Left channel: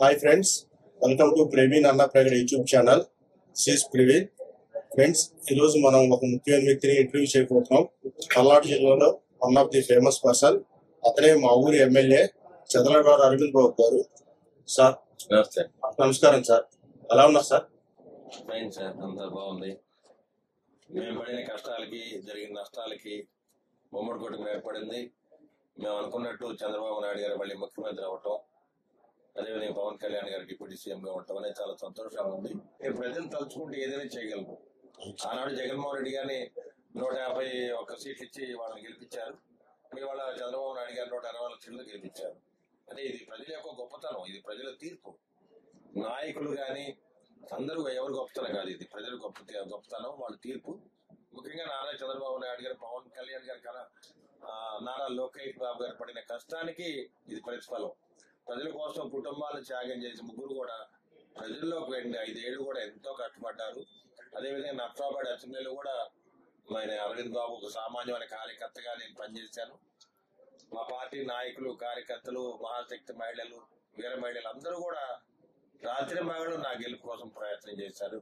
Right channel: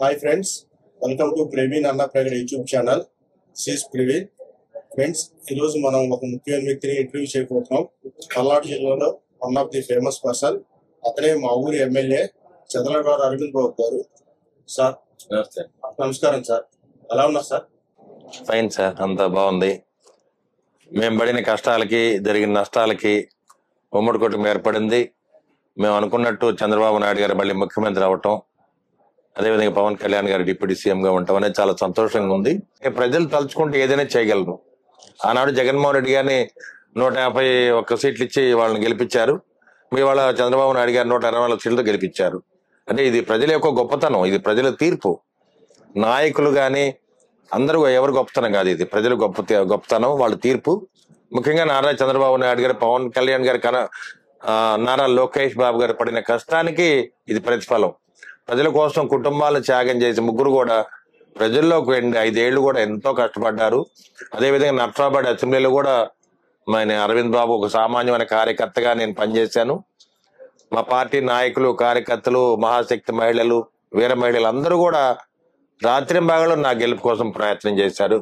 Hi friends, welcome to Praveen Anna Pragad YouTube channel. సిస్ Praveen. Friends, ఈరోజు మనం ఒక ముఖ్యమైన వ్యక్తిని ఇంటర్వ్యూ చేయబోతున్నాం. పల్నాడు జిల్లాలో one of the famous person, అతనే మా ఊరి ఎమ్మెల్యే చంద్రబాబు అరవింద్ బాబు గారు. సార్ నమస్తే. నమస్కారం సార్, ఎలా ఉన్నారు సార్? ఫైన్ సార్, అంతా బాగుంది. మేము పడిన కష్టాలకి జరిగిన నష్టాలకి ఉమ్మడి కుటుంబం ఏర్పడింది. మేము అనుకున్నట్టు చంద్రబాబు నాయుడు గారు మళ్ళీ ముఖ్యమంత్రి అవటం, అదేవిధంగా పవన్ కళ్యాణ్ గారు డిప్యూటీ సీఎంగా ఉండటం అనేది చాలా సంతోషంగా ఉంది. ప్రజలు తలుచుకుంటే ఏదైనా చేయగలరు. ఆనాడు జగన్మోహన్ రెడ్డి గారిని 151 సీట్లు ఇచ్చి వాళ్ళని గెలిపించారు. మీ వాళ్ళ చంద్రబాబు నాయుడు గారు 124 సీట్లతో గెలిపించారు. అంటే ఇది ప్రజల యొక్క గొప్పతనం, ఇది ప్రజల తీర్పు. నాయకులు కానీ అందరూ ఎవరు గొప్పతనం కాదు, ఇది ప్రజల గొప్పతనం, వాళ్ళ తీర్పు. ముఖ్యంగా నారా చంద్రబాబు నాయుడు గారు, పవన్ కళ్యాణ్ గారి నారా లోకేష్ బాబు గారు పడిన కష్టానికి ఇది ప్రతిఫలం. ప్రజల కోసం కుటుంబాలను త్యాగం చేసి ముగ్గురు కూడా ప్రజల్లోకి వెళ్ళి 5 ఏళ్లు కూడా ఎంతో కష్టపడ్డారు. అదేవిధంగా నర్సాబాద్ అసెంబ్లీలో కూడా అరవింద్ బాబు ఒక సామాన్యమైన కార్యకర్తగా నేను పనిచేశాను. మా పార్టీ నాయకులు, కార్యకర్తలు, మహాశక్తి మహిళలు, వీర మహిళలు అందరూ కూడా రాత్రింబాగలో నా గెలుపు కోసం ప్రయత్నం చేశారు.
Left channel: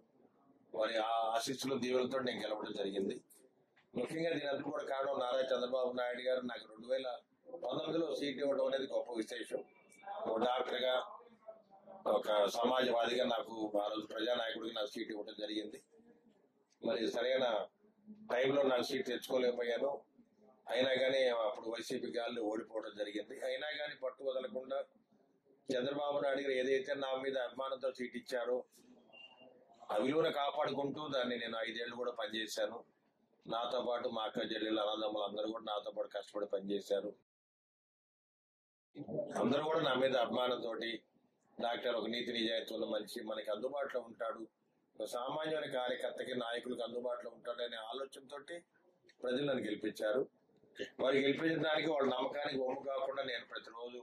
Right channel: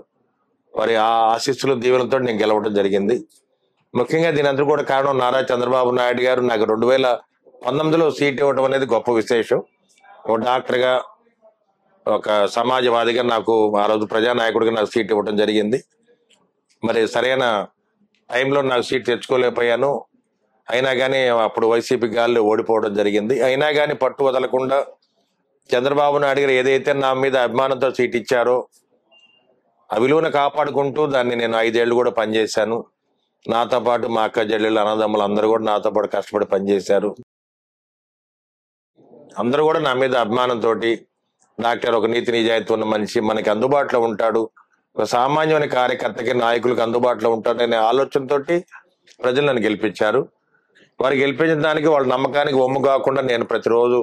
వారి ఆ ఆశీస్సులు, దీవెనలతో నేను గెలవడం జరిగింది. ముఖ్యంగా దీని అందరూ కూడా కారణం నారా చంద్రబాబు నాయుడు గారు నాకు 2019లో సీట్ ఇవ్వడం అనేది గొప్ప విశేషం. ఒక డాక్టర్గా, ఒక సమాజవాదిగా నాకు ఆ రోజు ప్రజానాయకుడిగా నాకు సీట్ ఇవ్వడం జరిగింది. మరి సరైన టైంలో నాకు సీట్ తెచ్చుకోలేకపోయాను. అయినా కానీ అప్పుడు వైసీపీ గాళ్ళు ఓడిపోవడం జరిగింది. అయినా కానీ పట్టు వదలకుండా చంద్రబాబు నాయుడు గారు ఏదైతే నా మీద అభిమానంతో సీట్ ఇచ్చారో ఆ విలువను కాపాడుకుంటూ దాన్ని నేను 5 ఏళ్లు కూడా పనిచేశాను. నాతో పాటు మా అక్క చెల్లెళ్ళు, అన్నదమ్ములు అందరూ కూడా నాతో పాటు కష్టపడి పనిచేశారు. అందరూ కూడా నా మీద అభిమానంతో, డాక్టర్ ఒక నీతి నిజాయితీ ఉన్న మనిషి మనకి అందుబాటులో ఉంటాడు, ఒక సామాన్యమైన కార్యకర్తకి, నాయకులకు అందుబాటులో ఉంటాడు అనే ఆలోచనతో ప్రజలు నన్ను గెలిపించారు. వారు గెలిపించిన దానికి, వాళ్ళ నమ్మకానికి ఒమ్ము కాకుండా నేను ప్రతిరోజు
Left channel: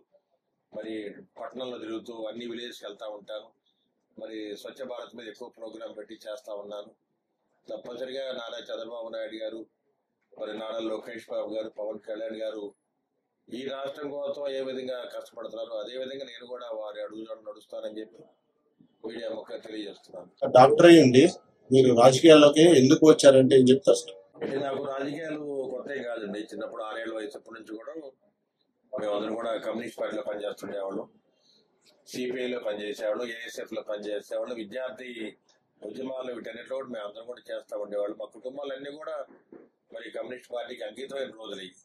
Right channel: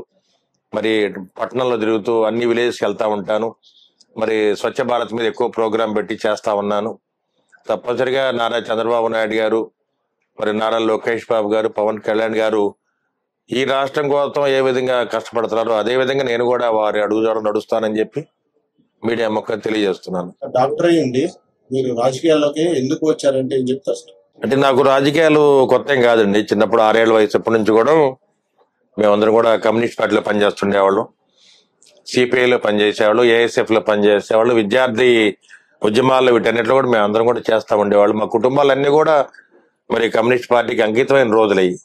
మరి పట్టణంలో తిరుగుతూ అన్ని విలేజ్కి వెళ్తా ఉంటాను. మరి స్వచ్ఛ భారత్ మీద ఎక్కువ ప్రోగ్రాం పెట్టి చేస్తా ఉన్నాను. తప్పనిసరిగా నారా చంద్రబాబు నాయుడు గారు, మరి నారా లోకేష్ బాబు గారు, పవన్ కళ్యాణ్ గారు ఈ రాష్ట్రం కోసం ఏ విధంగా కష్టపడుతున్నారో అదే విధంగా నేను కూడా వారి అడుగుజాడలు నడుస్తానని చెప్పి మీడియా మొక్క తెలియజేస్తున్నాను. డాక్టర్ అయ్యండి మీరు రాజకీయాల్లోకి ఎందుకు వచ్చారంటే ఏం చెప్తారు సార్? అంటే నాకు రాజకీయాలు కొత్త ఏం కాదండి. చిన్నప్పుడు 6 ఏళ్ల వయసు అప్పటి నుంచి కూడా మేమందరం కూడా కమ్యూనిస్ట్ పార్టీలో పనిచేస్తుండేవాళ్ళం, సిపిఐలో పనిచేసేవాళ్ళు, ఏఎస్ఎఫ్ లో పనిచేసేవాళ్ళు, విద్యార్థి ఉద్యమాల్లో వీటన్నిటిలో కూడా మేము అందరం కూడా చేస్తా ఉండేవాళ్ళు. మా కుటుంబాలన్నీ కూడా మరి కమ్యూనిస్ట్ పార్టీకి అంకితమైన రోజులయ్యి.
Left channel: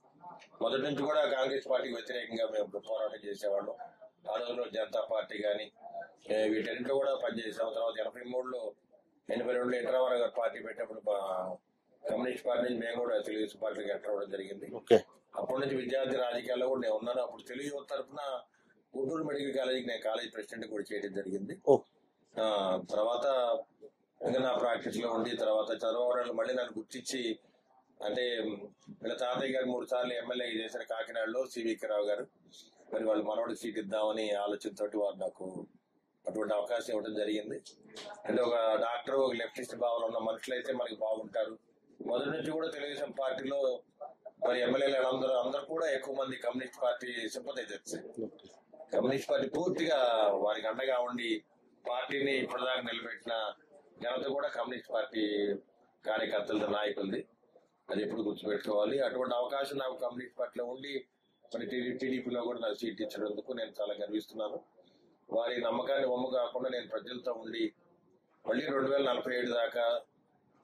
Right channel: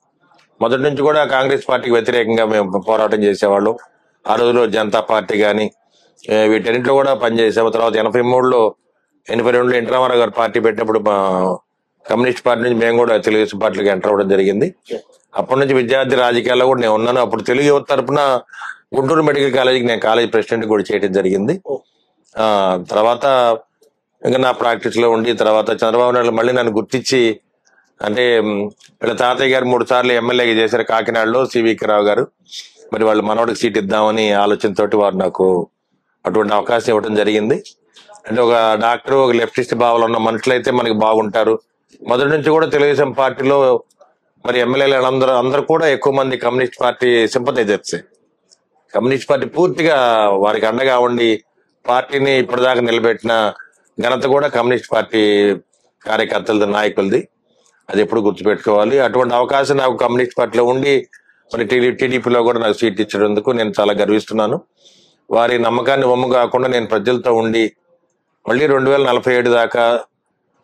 మొదటి నుంచి కూడా కాంగ్రెస్ పార్టీకి వ్యతిరేకంగా మేము పోరాటం చేసేవాళ్ళం. ఆ రోజుల్లో జనతా పార్టీ కానీ వీటన్నింటిలో కూడా పనిచేసాము. తర్వాత 83లో 82లో ఎన్టీ రామారావు గారు పార్టీ పెట్టినప్పుడు మా కమ్యూనిస్ట్ పార్టీ నుంచి మేము కూడా తెలుగుదేశం పార్టీకి ఎంటర్ అవ్వడం జరిగింది. అప్పటి నుంచి విద్యార్థి రాజకీయాల్లో కూడా నేను ఉన్నాను. అప్పుడు తెలుగు యువత తరఫున గుంటూరు మెడికల్ కాలేజీకి నేను కాలేజ్ ప్రెసిడెంట్ కూడా చేయడం జరిగింది. తర్వాత ఇంకా నా ప్రాక్టీస్ లో ఉండి తర్వాత చంద్రబాబు నాయుడు మళ్ళీ నన్ను గుర్తించి, అంటే వీళ్ళ తాతయ్య గారు 3 సార్లు ఎమ్మెల్యేగా చేశారు కాకినాడలో, సివికి రావు గారు. మరి వాళ్ళు మనవడికి సీట్ ఇద్దామని ఆలోచనతోటి వారు నాకు అటువంటి అవకాశం ఇవ్వడం జరిగింది. అంటే ఒక డాక్టర్, ఒక లెఫ్టిస్ట్ భావాలు ఉన్న మనుషులు అయితే మనకి బాగుంటారు. మొదటి నుంచి కూడా తెలుగుదేశం పార్టీలో మరి ఎమ్మెల్యేలు అందరూ కూడా ఎక్కువ మంది communist party sympathisers. Communist party పూర్తిగా వారికి అండగా ఉండి పార్టీని ఇప్పటిదాకా నిలబెట్టిన ఘనత కూడా కమ్యూనిస్ట్ పార్టీ కార్యకర్తలది, నాయకులది. అది ఎప్పుడు గుర్తుపెట్టుకోవాలి. అటువంటి అవకాశం నాకు కమ్యూనిస్ట్ పార్టీలో ఉండి మరి టీడీపీలో కూడా నాకు సీట్ ఇచ్చినందుకు నేను చాలా గర్విస్తున్నాను. వారి నమ్మకాన్ని ఒమ్ము కాకుండా నేను ప్రజలతో ఉండి మళ్ళీ 2047 దాకా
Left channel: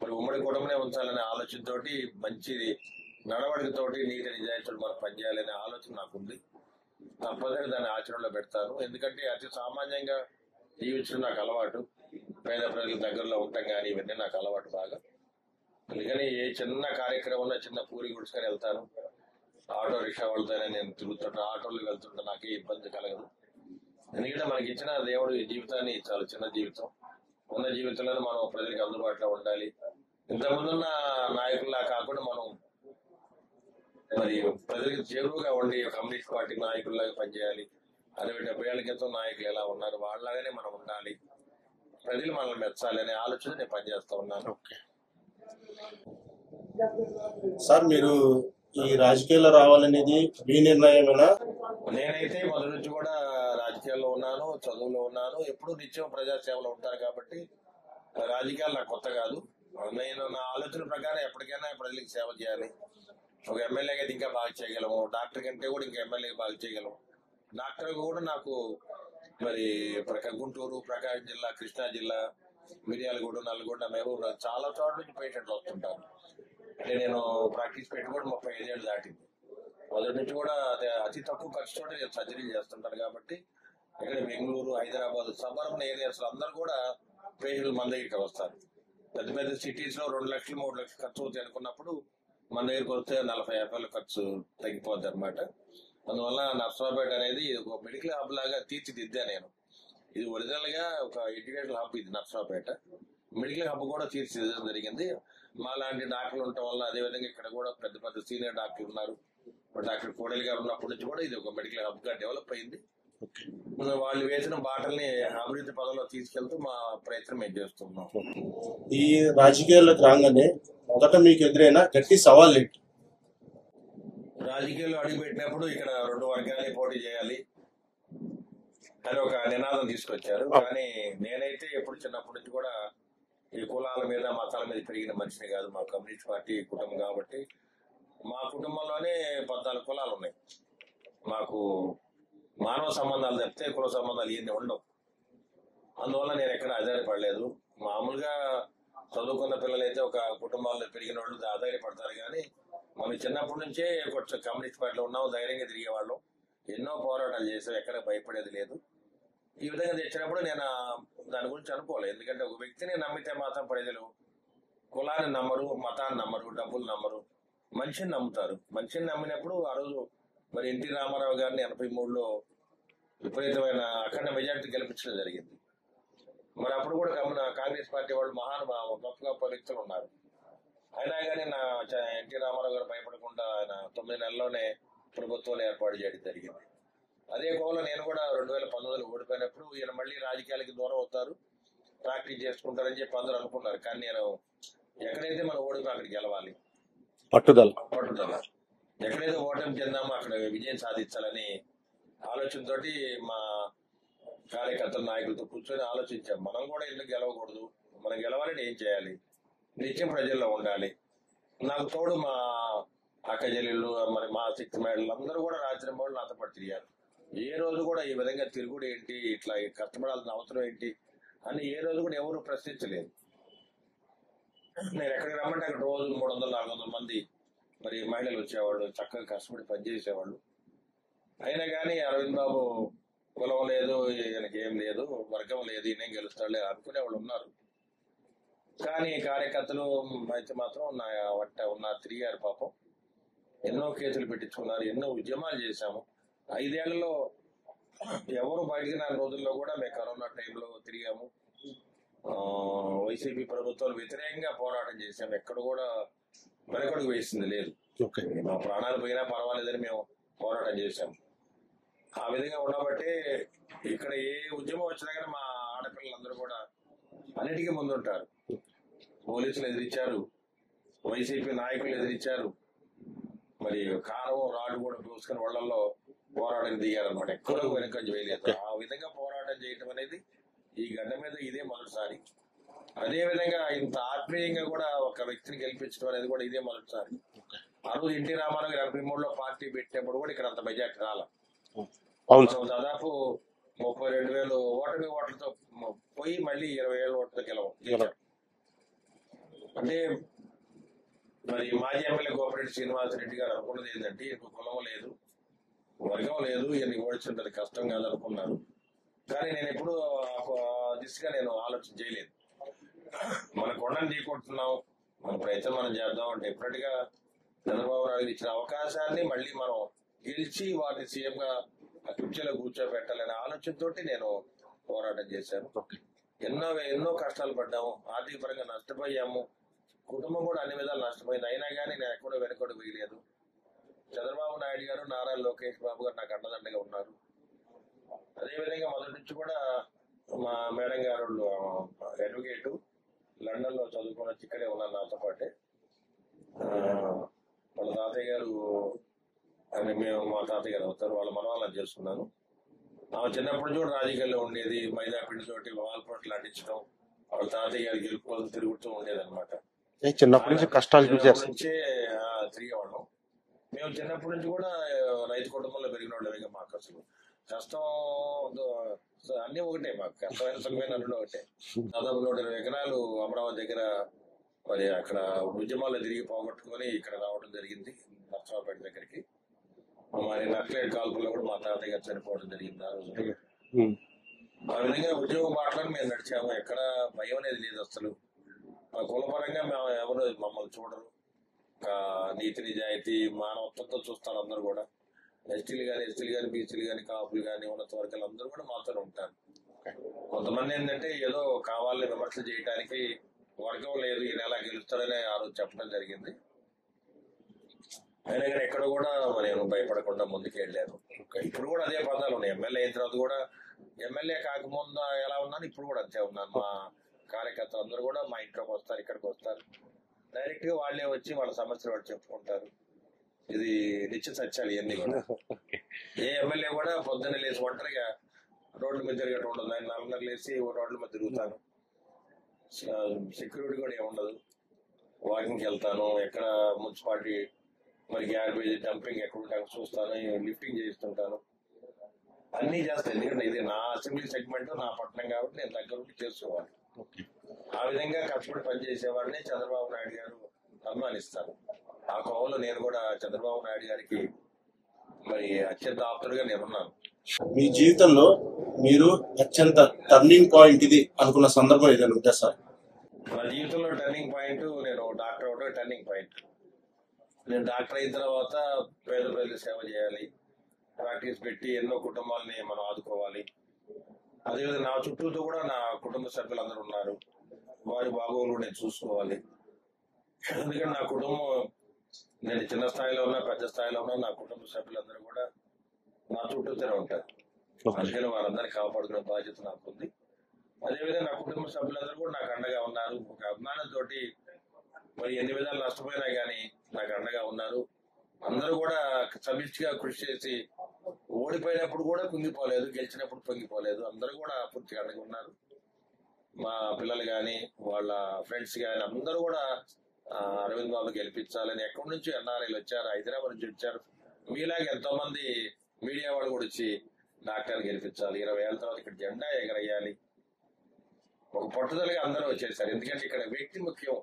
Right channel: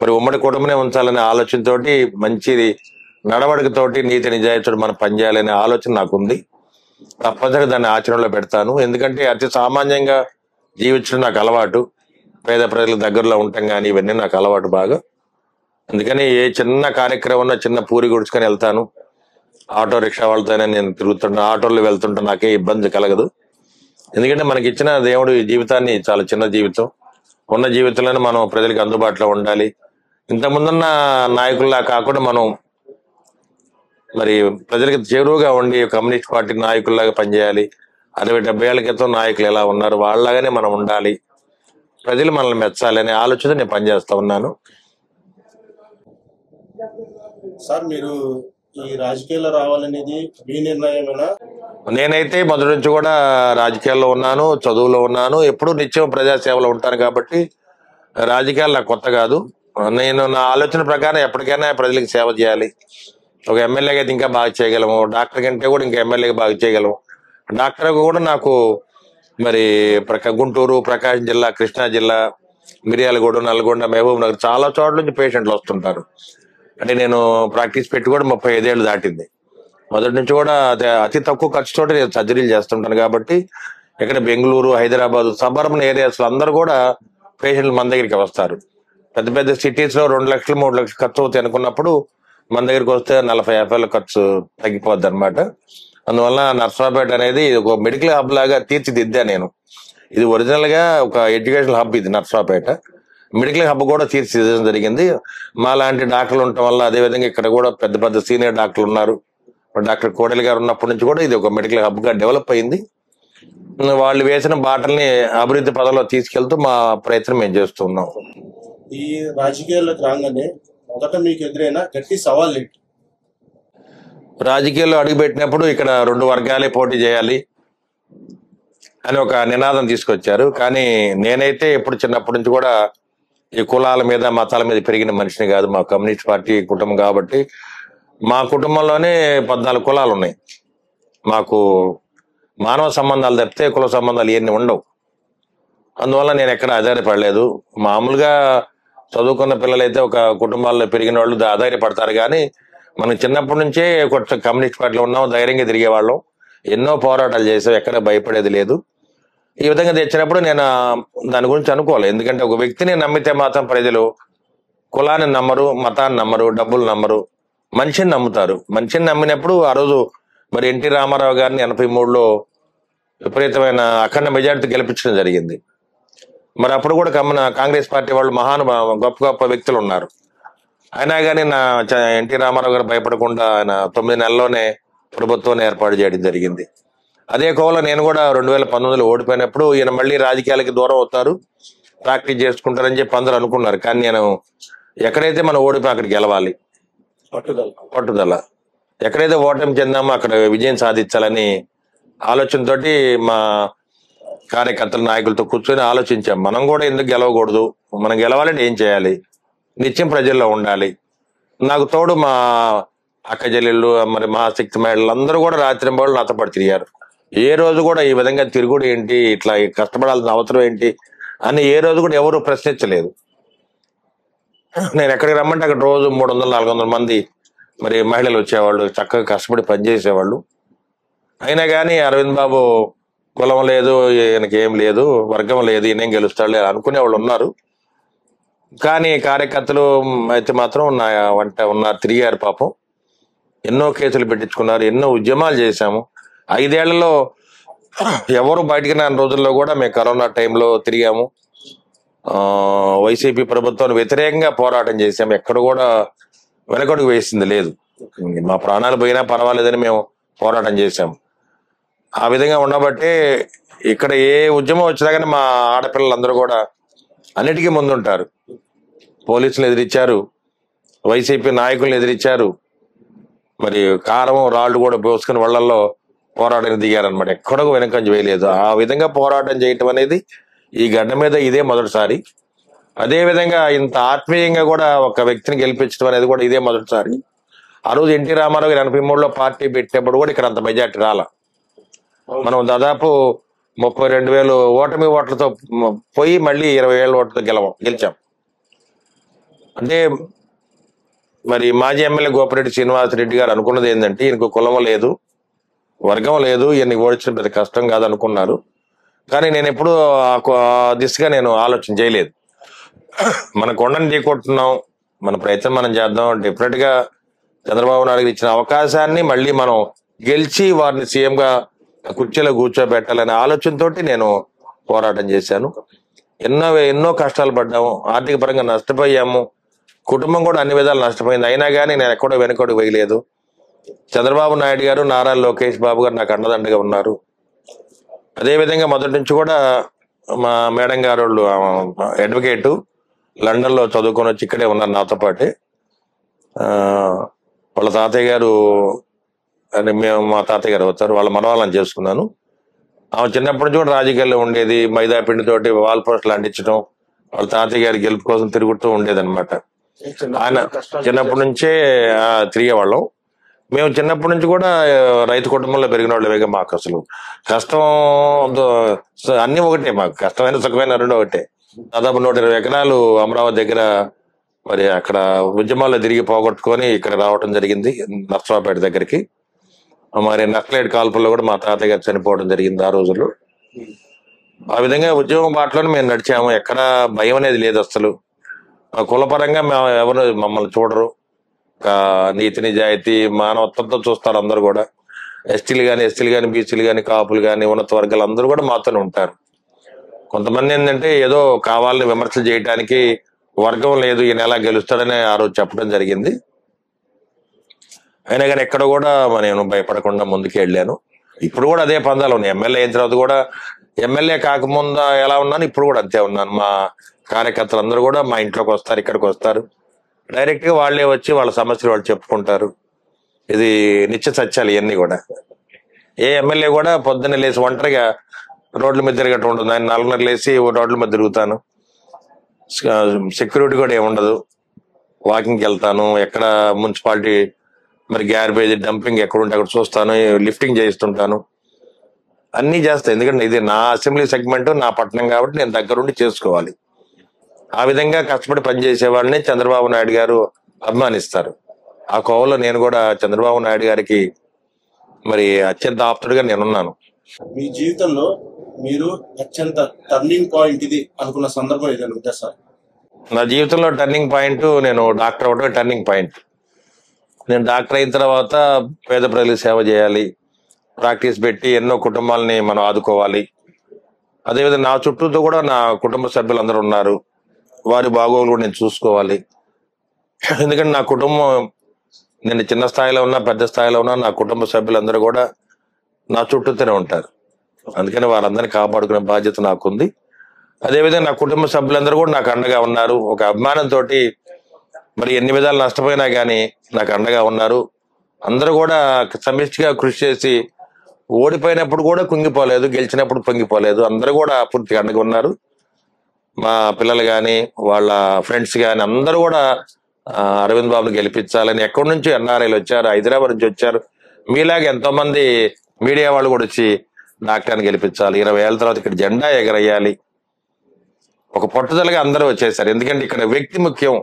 మరి ఉమ్మడి కుటుంబమే ఉంచాలనే ఆలోచనతోటి, మంచి నడవడికతోటి, నీతి నిజాయితీతో మనం పనిచేయాలనే ఆలోచన నాకుంది. తప్పనిసరిగా దాన్ని ఆచరణలో పెడతాను. ఎందుకంటే అతి సామాన్యంగా జీవించడం నాకు అలవాటు. పేద ప్రజల దగ్గరలో ఉండటం కానీ ఇవన్నీ నాకు అలవాటు బాగా. అందుకని ఏ చిన్న కార్యక్రమం ఉన్నా చిన్న పూరి గుడుచుకొని వెళ్తాను. ఆటో రిక్షా వాళ్ళతోనే నేను తిరుగుతుంటా, ఆటోలో వెళ్తుంటా, నాకే ఇబ్బంది కలగదు. ఎందుకంటే మనకి ఇచ్చిన దేవుడు ఈ జీవితాన్ని చాలా చిన్న జీవితం, ఉన్న జీవితంలోనే మనం ప్రజలకు అందుబాటులో ఉండాలి. ఇంతకుముందున్న నాయకుల్లా కాకుండా మనం మరి ప్రజలకు చేరువుగా ఉండి కమ్యూనిస్ట్ పార్టీ నాయకుల్లాగా పనిచేయాలి. 60-70 ఏళ్ల క్రితం నాయకులు ఎలా ఉన్నారు వాళ్ళలాగానే మనం ఉండాలి, ప్రజలు మనల్ని మెచ్చాలి అనే ఆలోచన నేను పనిచేస్తా ఉన్నాను. సార్, మీరు ఈ రాజకీయాల్లో రావాలనేది మీ నిర్ణయమేనా నేనైతే మొదటి నుంచి కూడా రాజకీయాల్లో ఉన్నాను, చదువులో ఉన్నాను, ఎప్పుడూ నిత్యం ప్రజాసేవలో ఉంటాను కాబట్టి రాజకీయాలు నాకు కొత్త కాదు. నేను నా ఆలోచన ప్రకారం ఎప్పటికైనా ప్రజలకు సేవ చేయాలి. ఒక ఎమ్మెల్యేగా అయితే ఇంకా బాగా చేయగలము, డాక్టర్ కంటే కూడా ఇంకా ఎమ్మెల్యేగా బాగా చేయగలము. డాక్టర్ కూడా నాకు మరి గుంటూరు, ప్రకాశం జిల్లా, కృష్ణా జిల్లా, మిర్యాలగూడ, నల్గొండ, మహబూబ్ నగర్ చాలా చోట్ల నుంచి పేషెంట్లు వస్తుంటారు. అంటే నేను ప్రాక్టీస్ పెట్టి కూడా 35 ఏళ్ళు దాటింది. మొదటి నుంచి కూడా అతి తక్కువ ఖర్చుతో నేను సర్జరీలు చేస్తుంటాను కాబట్టి ఇక్కడ బెంగళూరు, హైదరాబాద్, సబర్బన్ ఏరియాస్ లో అందరూ కూడా పేషెంట్లు మన దగ్గరికి వస్తారు. పెద్ద పెద్ద సిటీస్ లో 2 లక్షలు 3 లక్షలు ఖర్చు అవుతాయి అనుకున్నప్పుడు మన దగ్గరికి వస్తే 40-50 ఖర్చు తగ్గిపోద్ది అనమాట. అందువల్ల నర్సరావుపేట అనేది ఒక మెడికల్ హబ్ లాగా తీర్చిదిద్దా నేను. ఇది ఒరిజినల్ గా ఒక ఎడ్యుకేషనల్ హబ్, ఇది నర్సరావుపేట. మెడికల్ హబ్ కూడా తీర్చిదిద్దడం జరిగింది. మా లాంటి డాక్టర్లు ఉండటం వల్ల, అదేవిధంగా ఇక్కడ కూడా పెద్ద పెద్ద సీనియర్ డాక్టర్లు ఉన్నారు. డాక్టర్ కోడెల గారు ఉన్నప్పటి నుంచి కూడా ఇది ఒక మెడికల్ హబ్ గా డెవలప్ అయింది. వాళ్ళు వేసిన బాటల్ని అభివృద్ధి పదంలో తీసుకెళ్తూ మా ప్రయత్నం మేము చేస్తున్నాం. ఈ రాజకీయాల్లోకి రాగానే మొదట మీకు ఎదురైన గట్టి సవాల్ ఏంటి? రాజకీయాల్లో అడుగుపెట్టినప్పుడు ఇక్కడ 2 వర్గాలే పోటీ చేయాలి అని ఒక నినాదం తీసుకొచ్చారు. కానీ నేనైతే ఎప్పుడు చిన్నప్పటి నుంచి కూడా ఈ కులాల మీద, మతాల మీద పెరిగిన మనిషిని కాదు. మా కమ్యూనిస్ట్ పార్టీ కుటుంబం కాబట్టి మా కుటుంబంలోనే 14 కులాలు ఉన్నాయి. మాకు మానవ సంబంధాలు తప్పితే కుల సంబంధాలు ఇవన్నీ ఉండవు. అందువల్ల నేను ఎక్కడ ఆధారపడలేదు. మామూలుగా చదువుకున్న పిల్లలైతే ఒక కుటుంబాల్లో పెరిగిన వాళ్ళు ఆధారపడతారు. కానీ మనం చిన్నప్పటి నుంచే కొంచెం కమ్యూనిస్ట్ పార్టీలో ఉన్నాం, ధైర్యంగా తిరిగేవాళ్ళం, ఎన్నో పోరాటాలు చేసాం, ఎక్కడ భయపడేది లేదు. ఈ విధంగా తెచ్చినప్పుడు నేను దాని గురించి అనుకోవాలి. ఎందుకంటే ఒక వ్యక్తిని నమ్మితే మాత్రం ప్రజలు కులాన్ని నమ్మరు, మతాన్ని నమ్మరు, డబ్బులు నమ్మరు, మనిషిని నమ్ముతారు. మనిషిని నమ్మినప్పుడు ఆ రోజు మరి ఎన్టీ రామారావు గారిని 83లో విపరీతమైన అఖండ మెజార్టీ గెలిపించడం జరిగింది. మరి అప్పుడు కూడా కాంగ్రెస్ పార్టీ వాళ్ళు గొప్ప గొప్ప వ్యక్తులు ఉన్నారు. అయినా కానీ ఎన్టీ రామారావు గారు భయపడకుండా ఆయన 9 నెలల్లోనే ప్రభుత్వాన్ని ఏర్పాటు చేయడం జరిగింది. అదే కోవలో నేను కూడా 2019లో ఓడిపోయినప్పుడు ఈయన మళ్ళీ రాజకీయాలకి దూరం అవుతారు, ప్రాక్టీస్ చేసుకుంటారని చెప్పి అందరూ అనుకున్నారు. కానీ నేను ఎక్కడైతే మనం ఓడిపోయి అక్కడికి గెలవాలి, పట్టుదల ఎక్కడైతే ఓటమి చెందామో అక్కడ విజయం సాధించాలని ఆలోచనతోటి మా కార్యకర్తల నాయకులతో కూర్చొని ఆలోచించాం. మనం కూడా ఎందుకు గెలవకూడదు, మనం గెలవాలంటే ఏం చేయాలి, నిత్యం ప్రజల్లో ఉండాలి. నాకు తోడు మా అక్క చెల్లెళ్ళు, మరి మా శక్తి మహిళలు అందరూ కూడా రాత్రింబళ్ళు నాతో పాటు తిరిగారు. ఏ రోజు కూడా ఈ విధంగా తిరుగుడు ఏంటి, ఇట్లా కష్టపడాల్సిన అవసరం ఏంటి అని ఏ రోజు కూడా ఎవరు ప్రశ్నించలేదు. నేను ఎక్కడికి రమ్మంటే అక్కడ రోజు 300-400 మంది మరి మహిళలు వచ్చేవాళ్ళు, చక్కగా కష్టపడి పనిచేసేవాళ్ళు. అయినా కానీ అరవింద్ బాబు కులం లేదు, ఈయనకి ఏం లేదు, వర్గం లేదు, ఈయనేం గెలుస్తాడు అనుకునే వాళ్ళు ఉన్నారు. కానీ కార్యకర్తలు అయితే మాత్రం నా వంట ఉన్నారు, తిరిగారు. పాపం ఎన్నో కేసులు పెట్టించుకున్నారు, ఎన్నో ఉద్యమాలు చేశాము. 5 ఏళ్లలో ఎవరు బయటికి రాని రోజుల్లో కూడా మేము కరోనా టైంలో తిరిగాము. వైసీపీ ప్రభుత్వాన్ని వ్యతిరేకంగా పోరాటం చేశాము. ఎక్కడ కూడా వెనకడుగు వేసింది లేదు. మా ప్రాణాలు పోయినా పర్వాలేదని మేము పోరాటం చేశాము. ఆ విధంగా ఉండబట్టే ఇక్కడ ఏ ఉద్యమం వచ్చినా కానీ మా ఆడపిల్లలందరూ కూడా అన్నిటికీ ముందుంటారు. పోలీసులు ఎదిరించారు, వైసీపీ నాయకులను ఎదిరించారు, మరి కారం రాళ్ళు కూడా పోసుకుని వాళ్ళల్లో పోరాటానికి దిగారనమాట. ఎక్కడో వెనకంజ వేయలేదు. ఆ విధంగా పోరాటం చేయటం అనేది ఈ గడ్డ మీద ఇదే మొదటిసారి. అదే విధంగా ఇంత ఆత్మీయంగా కూడా ఒక వ్యక్తిని గెలిపించడం అనేది కూడా ఇదే మొదటిసారి. ఆ రోజు ఎన్టీ రామారావు 83లో పార్టీ పెట్టినప్పుడు కూడా ఇక్కడ అంత మెజార్టీ రాలా. మనం దాదాపు 32,000 ఓట్లతో పోయి మళ్ళీ 20,000 ఓట్లతో గెలిచాం. అంటే మరి మాజీ ఎమ్మెల్యే గోపిరెడ్డి శ్రీనివాసరెడ్డి గారు అనుకున్నది ఏంటంటే ఈయనకు కులం లేదు, వర్గం లేదు, ఈయన్ని ఓడించడం పెద్ద కష్టం కాదనుకున్నారు. కానీ నేను ఎప్పుడు ఆ దిశగా నేను ఆలోచన చేయలేదు. మన కొండని ఢీకొట్టున్నాం, మన ప్రయత్నం మనం చేద్దాం. డెఫినెట్ గా చంద్రబాబు నాయుడు ఇచ్చిన అవకాశాన్ని మళ్ళీ మనం గెలిచి వారిని సీఎంగా కుర్చీలో కూర్చోబెట్టాలనే ఆలోచనతో నేను పోరాటం చేశాను. ఎన్నో కష్టాలు పడ్డాము, ఆర్థిక పరంగా నష్టపోయాము, కుటుంబం కూడా అన్ని విధాలు నష్టపోయింది. అయినా కానీ నేను ఎక్కడో వెనకడు వేయలేదు. చంద్రబాబు నాయుడు గారు, నారా లోకేష్ బాబు గారు నాకు అండదండగా ఉన్నారు. అదేవిధంగా మొదటి నుంచి కూడా మా మేడం గారు వాళ్ళు అడ్వకేటు, లండన్లో చదువుకొని వచ్చి ఇక్కడే ఉన్నారు నాతో పాటే. వాళ్ళ తాతయ్య గారు అని మేము మా తాతయ్య గారు అవుతారు, వాళ్ళ మనవాళ్ళని చేసుకున్నాను. ఆమె చిన్నప్పటి నుంచి కూడా రాజకీయాల్లో ఉండేది, మైదా పిండితోటి వాల్ పోస్టులు అంటించడం, వాళ్ళ తాతయ్య గారి గెలుపు కోసం తిరుగుతూ ఉండేది అనమాట. ఆయన చిన్నప్పటి నుంచే తిరిగేవాళ్ళం. మేము చిన్నప్పటి నుంచి కూడా రైతు కుటుంబంలో పెరిగిన వాళ్ళమే. మాకు అసలు కష్టం అన్ని ఒకటే, మాకు కష్టమైన సుఖమైన రెండు ఒకటే. దాదాపు 120 ఎకరాలు అమరావతి దగ్గర మరి అక్కడ ఉద్యమాల్లో తిరిగి పోగొట్టుకొని ఇక్కడ రావడం జరిగింది, నర్సరావుపేట దగ్గరికి. మరి నక్సలైట్ కాల్పుల్లో కూడా మా తాతయ్య గారు చనిపోవడం జరిగింది ఆ రోజుల్లో. ఆ విధంగా ఉద్యోగం బాటలోనే మేము నడిచాము. ఎక్కడ భయం అనేది లేదు అసలు. కులపరంగా మేము ఎవరు మమ్మల్ని చూడరు. నీతి నిజాయితీ మానవత్వంతో చూస్తారు అందరు కూడా. ఎస్టీలు కానీ బీసీలు కానీ కాపులు కానీ ఉన్నత వర్గాలు అందరూ కూడా మాతోనే ఉంటారు. కొంతమంది ఏంటంటే ఏదో కావాలని విమర్శలు చేయడానికి వర్గం లేదు, ఈయన ఎలా గెలుస్తాడని ఆ రోజు చెప్పడం జరిగింది. అయినా కానీ ఎక్కడ కూడా నేను భయపడకుండా ముందుకు వెళ్ళాను. ఇప్పుడు కూడా అదే పందాలు ఉన్నాయి. ఎమ్మెల్యే అయిన తర్వాత కూడా, ఎమ్మెల్యే కాకముందు ఎలా ఉన్నాను ఇప్పుడు కూడా అంతే ఉన్నాను. మా కార్యకర్తలు అందరూ కూడా మా ఇంట్లోకి వస్తారు, ఇక్కడికి వస్తారు. డైరెక్ట్ గా వాళ్ళే వచ్చి వాళ్ళ సమస్యలు వాళ్ళు చెప్పుకుంటారు. ఇది నిత్య సత్యాలు ఇవన్నీ కూడా. ఏ ఎమ్మెల్యే కూడా పొద్దున్న లేచి ఒంటరిగా రోడ్ల మీద తిరగటం ఉండదు. ఆయన 4:30 లేచి రోడ్ల మీద తిరుగుతాను. సెక్యూరిటీ కూడా ఏముండదు. వాకింగ్కి వెళ్తాను. ఎక్కడ మున్సిపాలిటీ మరి గ్యార్బేజ్ డంపింగ్ ఎక్కడ ఉంటే అక్కడ చూస్తాను, లిఫ్టింగ్ చేయిస్తుంటాను, అన్ని చేస్తాను. ఎందుకంటే ఇది నా అసెంబ్లీ సెగ్మెంట్, నా పట్టణం కాబట్టి నేను దగ్గరుండి చేసుకోవాలి. ఆ విధంగా కష్టపడి పనిచేసే వాళ్ళని చంద్రబాబు నాయుడు గారు అభిమానిస్తారు. ఆ కోవలో నేను కూడా చంద్రబాబు నాయుడు గారికి మరి అత్యంత ఆప్తుడిగా నేనున్నాను. మీ జీవితంలో మీరు అత్యంత టర్నింగ్ పాయింట్ ఇది అనుకున్న సందర్భం ఏదైనా ఉందా సార్? నా జీవితంలో టర్నింగ్ పాయింట్, నేను డాక్టర్ అవడమే టర్నింగ్ పాయింట్. నేను డాక్టర్ అయిన తర్వాత పేద ప్రజలకు సేవ చేయాలి, ప్రాక్టీస్ పెట్టి ఎన్నో కుటుంబాలని మనం ఆదుకోవాలి. అదేవిధంగా నా చుట్టూతో కూడా నా కుటుంబ సభ్యులందరూ ఉన్నారు, వారి బాగోగులు కూడా నేను చూసుకోవాలి. ఎందుకంటే నా కుటుంబం, నేను చిన్న స్థాయిలో ఉన్నా పెద్ద స్థాయిలో ఉన్నా, నా కుటుంబ సభ్యులందరూ కూడా నా చుట్టూతోనే ఉంటారు. అందుకని వారందరినీ కాపాడుకునే బాధ్యత నాకుంది. అదేవిధంగా నా కుటుంబ సభ్యులందరూ కూడా నాకు అండగా ఉన్నారు. ఒక అభిమానంతో మరి ఎన్ని విధాలు నష్టపోయినా కానీ నాకు అండగా ఉన్నారు. అందరూ కూడా సమిష్టిగా కృషి చేసి ఓడిపోయినప్పుడు కూడా కుంగిపోలేదు, గెలిచినప్పుడు పొంగిపోలేదు. అందరూ కూడా పూర్తిగా అండగా ఉన్నారు. మా పిల్లలు కానీ వాళ్ళ ఫ్రెండ్స్ కానీ అందరూ కూడా అరవింద్ బాబుని గెలిపించాలని ఎక్కడి నుంచి ఎన్ఆర్ఐలు వచ్చారు, హైదరాబాద్ నుంచి వచ్చారు. మీలాగా ఎంతో మంది మీడియా వాళ్ళు కూడా వచ్చి డాక్టర్ని గెలిపించాలి, 20 ఏళ్ళ తర్వాత ఇక్కడ జెండా ఎగరేయాలి, ఒక పట్టుదలగా అందరూ వచ్చేసారు. ఎందుకంటే ఇక్కడ వ్యక్తి ముఖ్యం,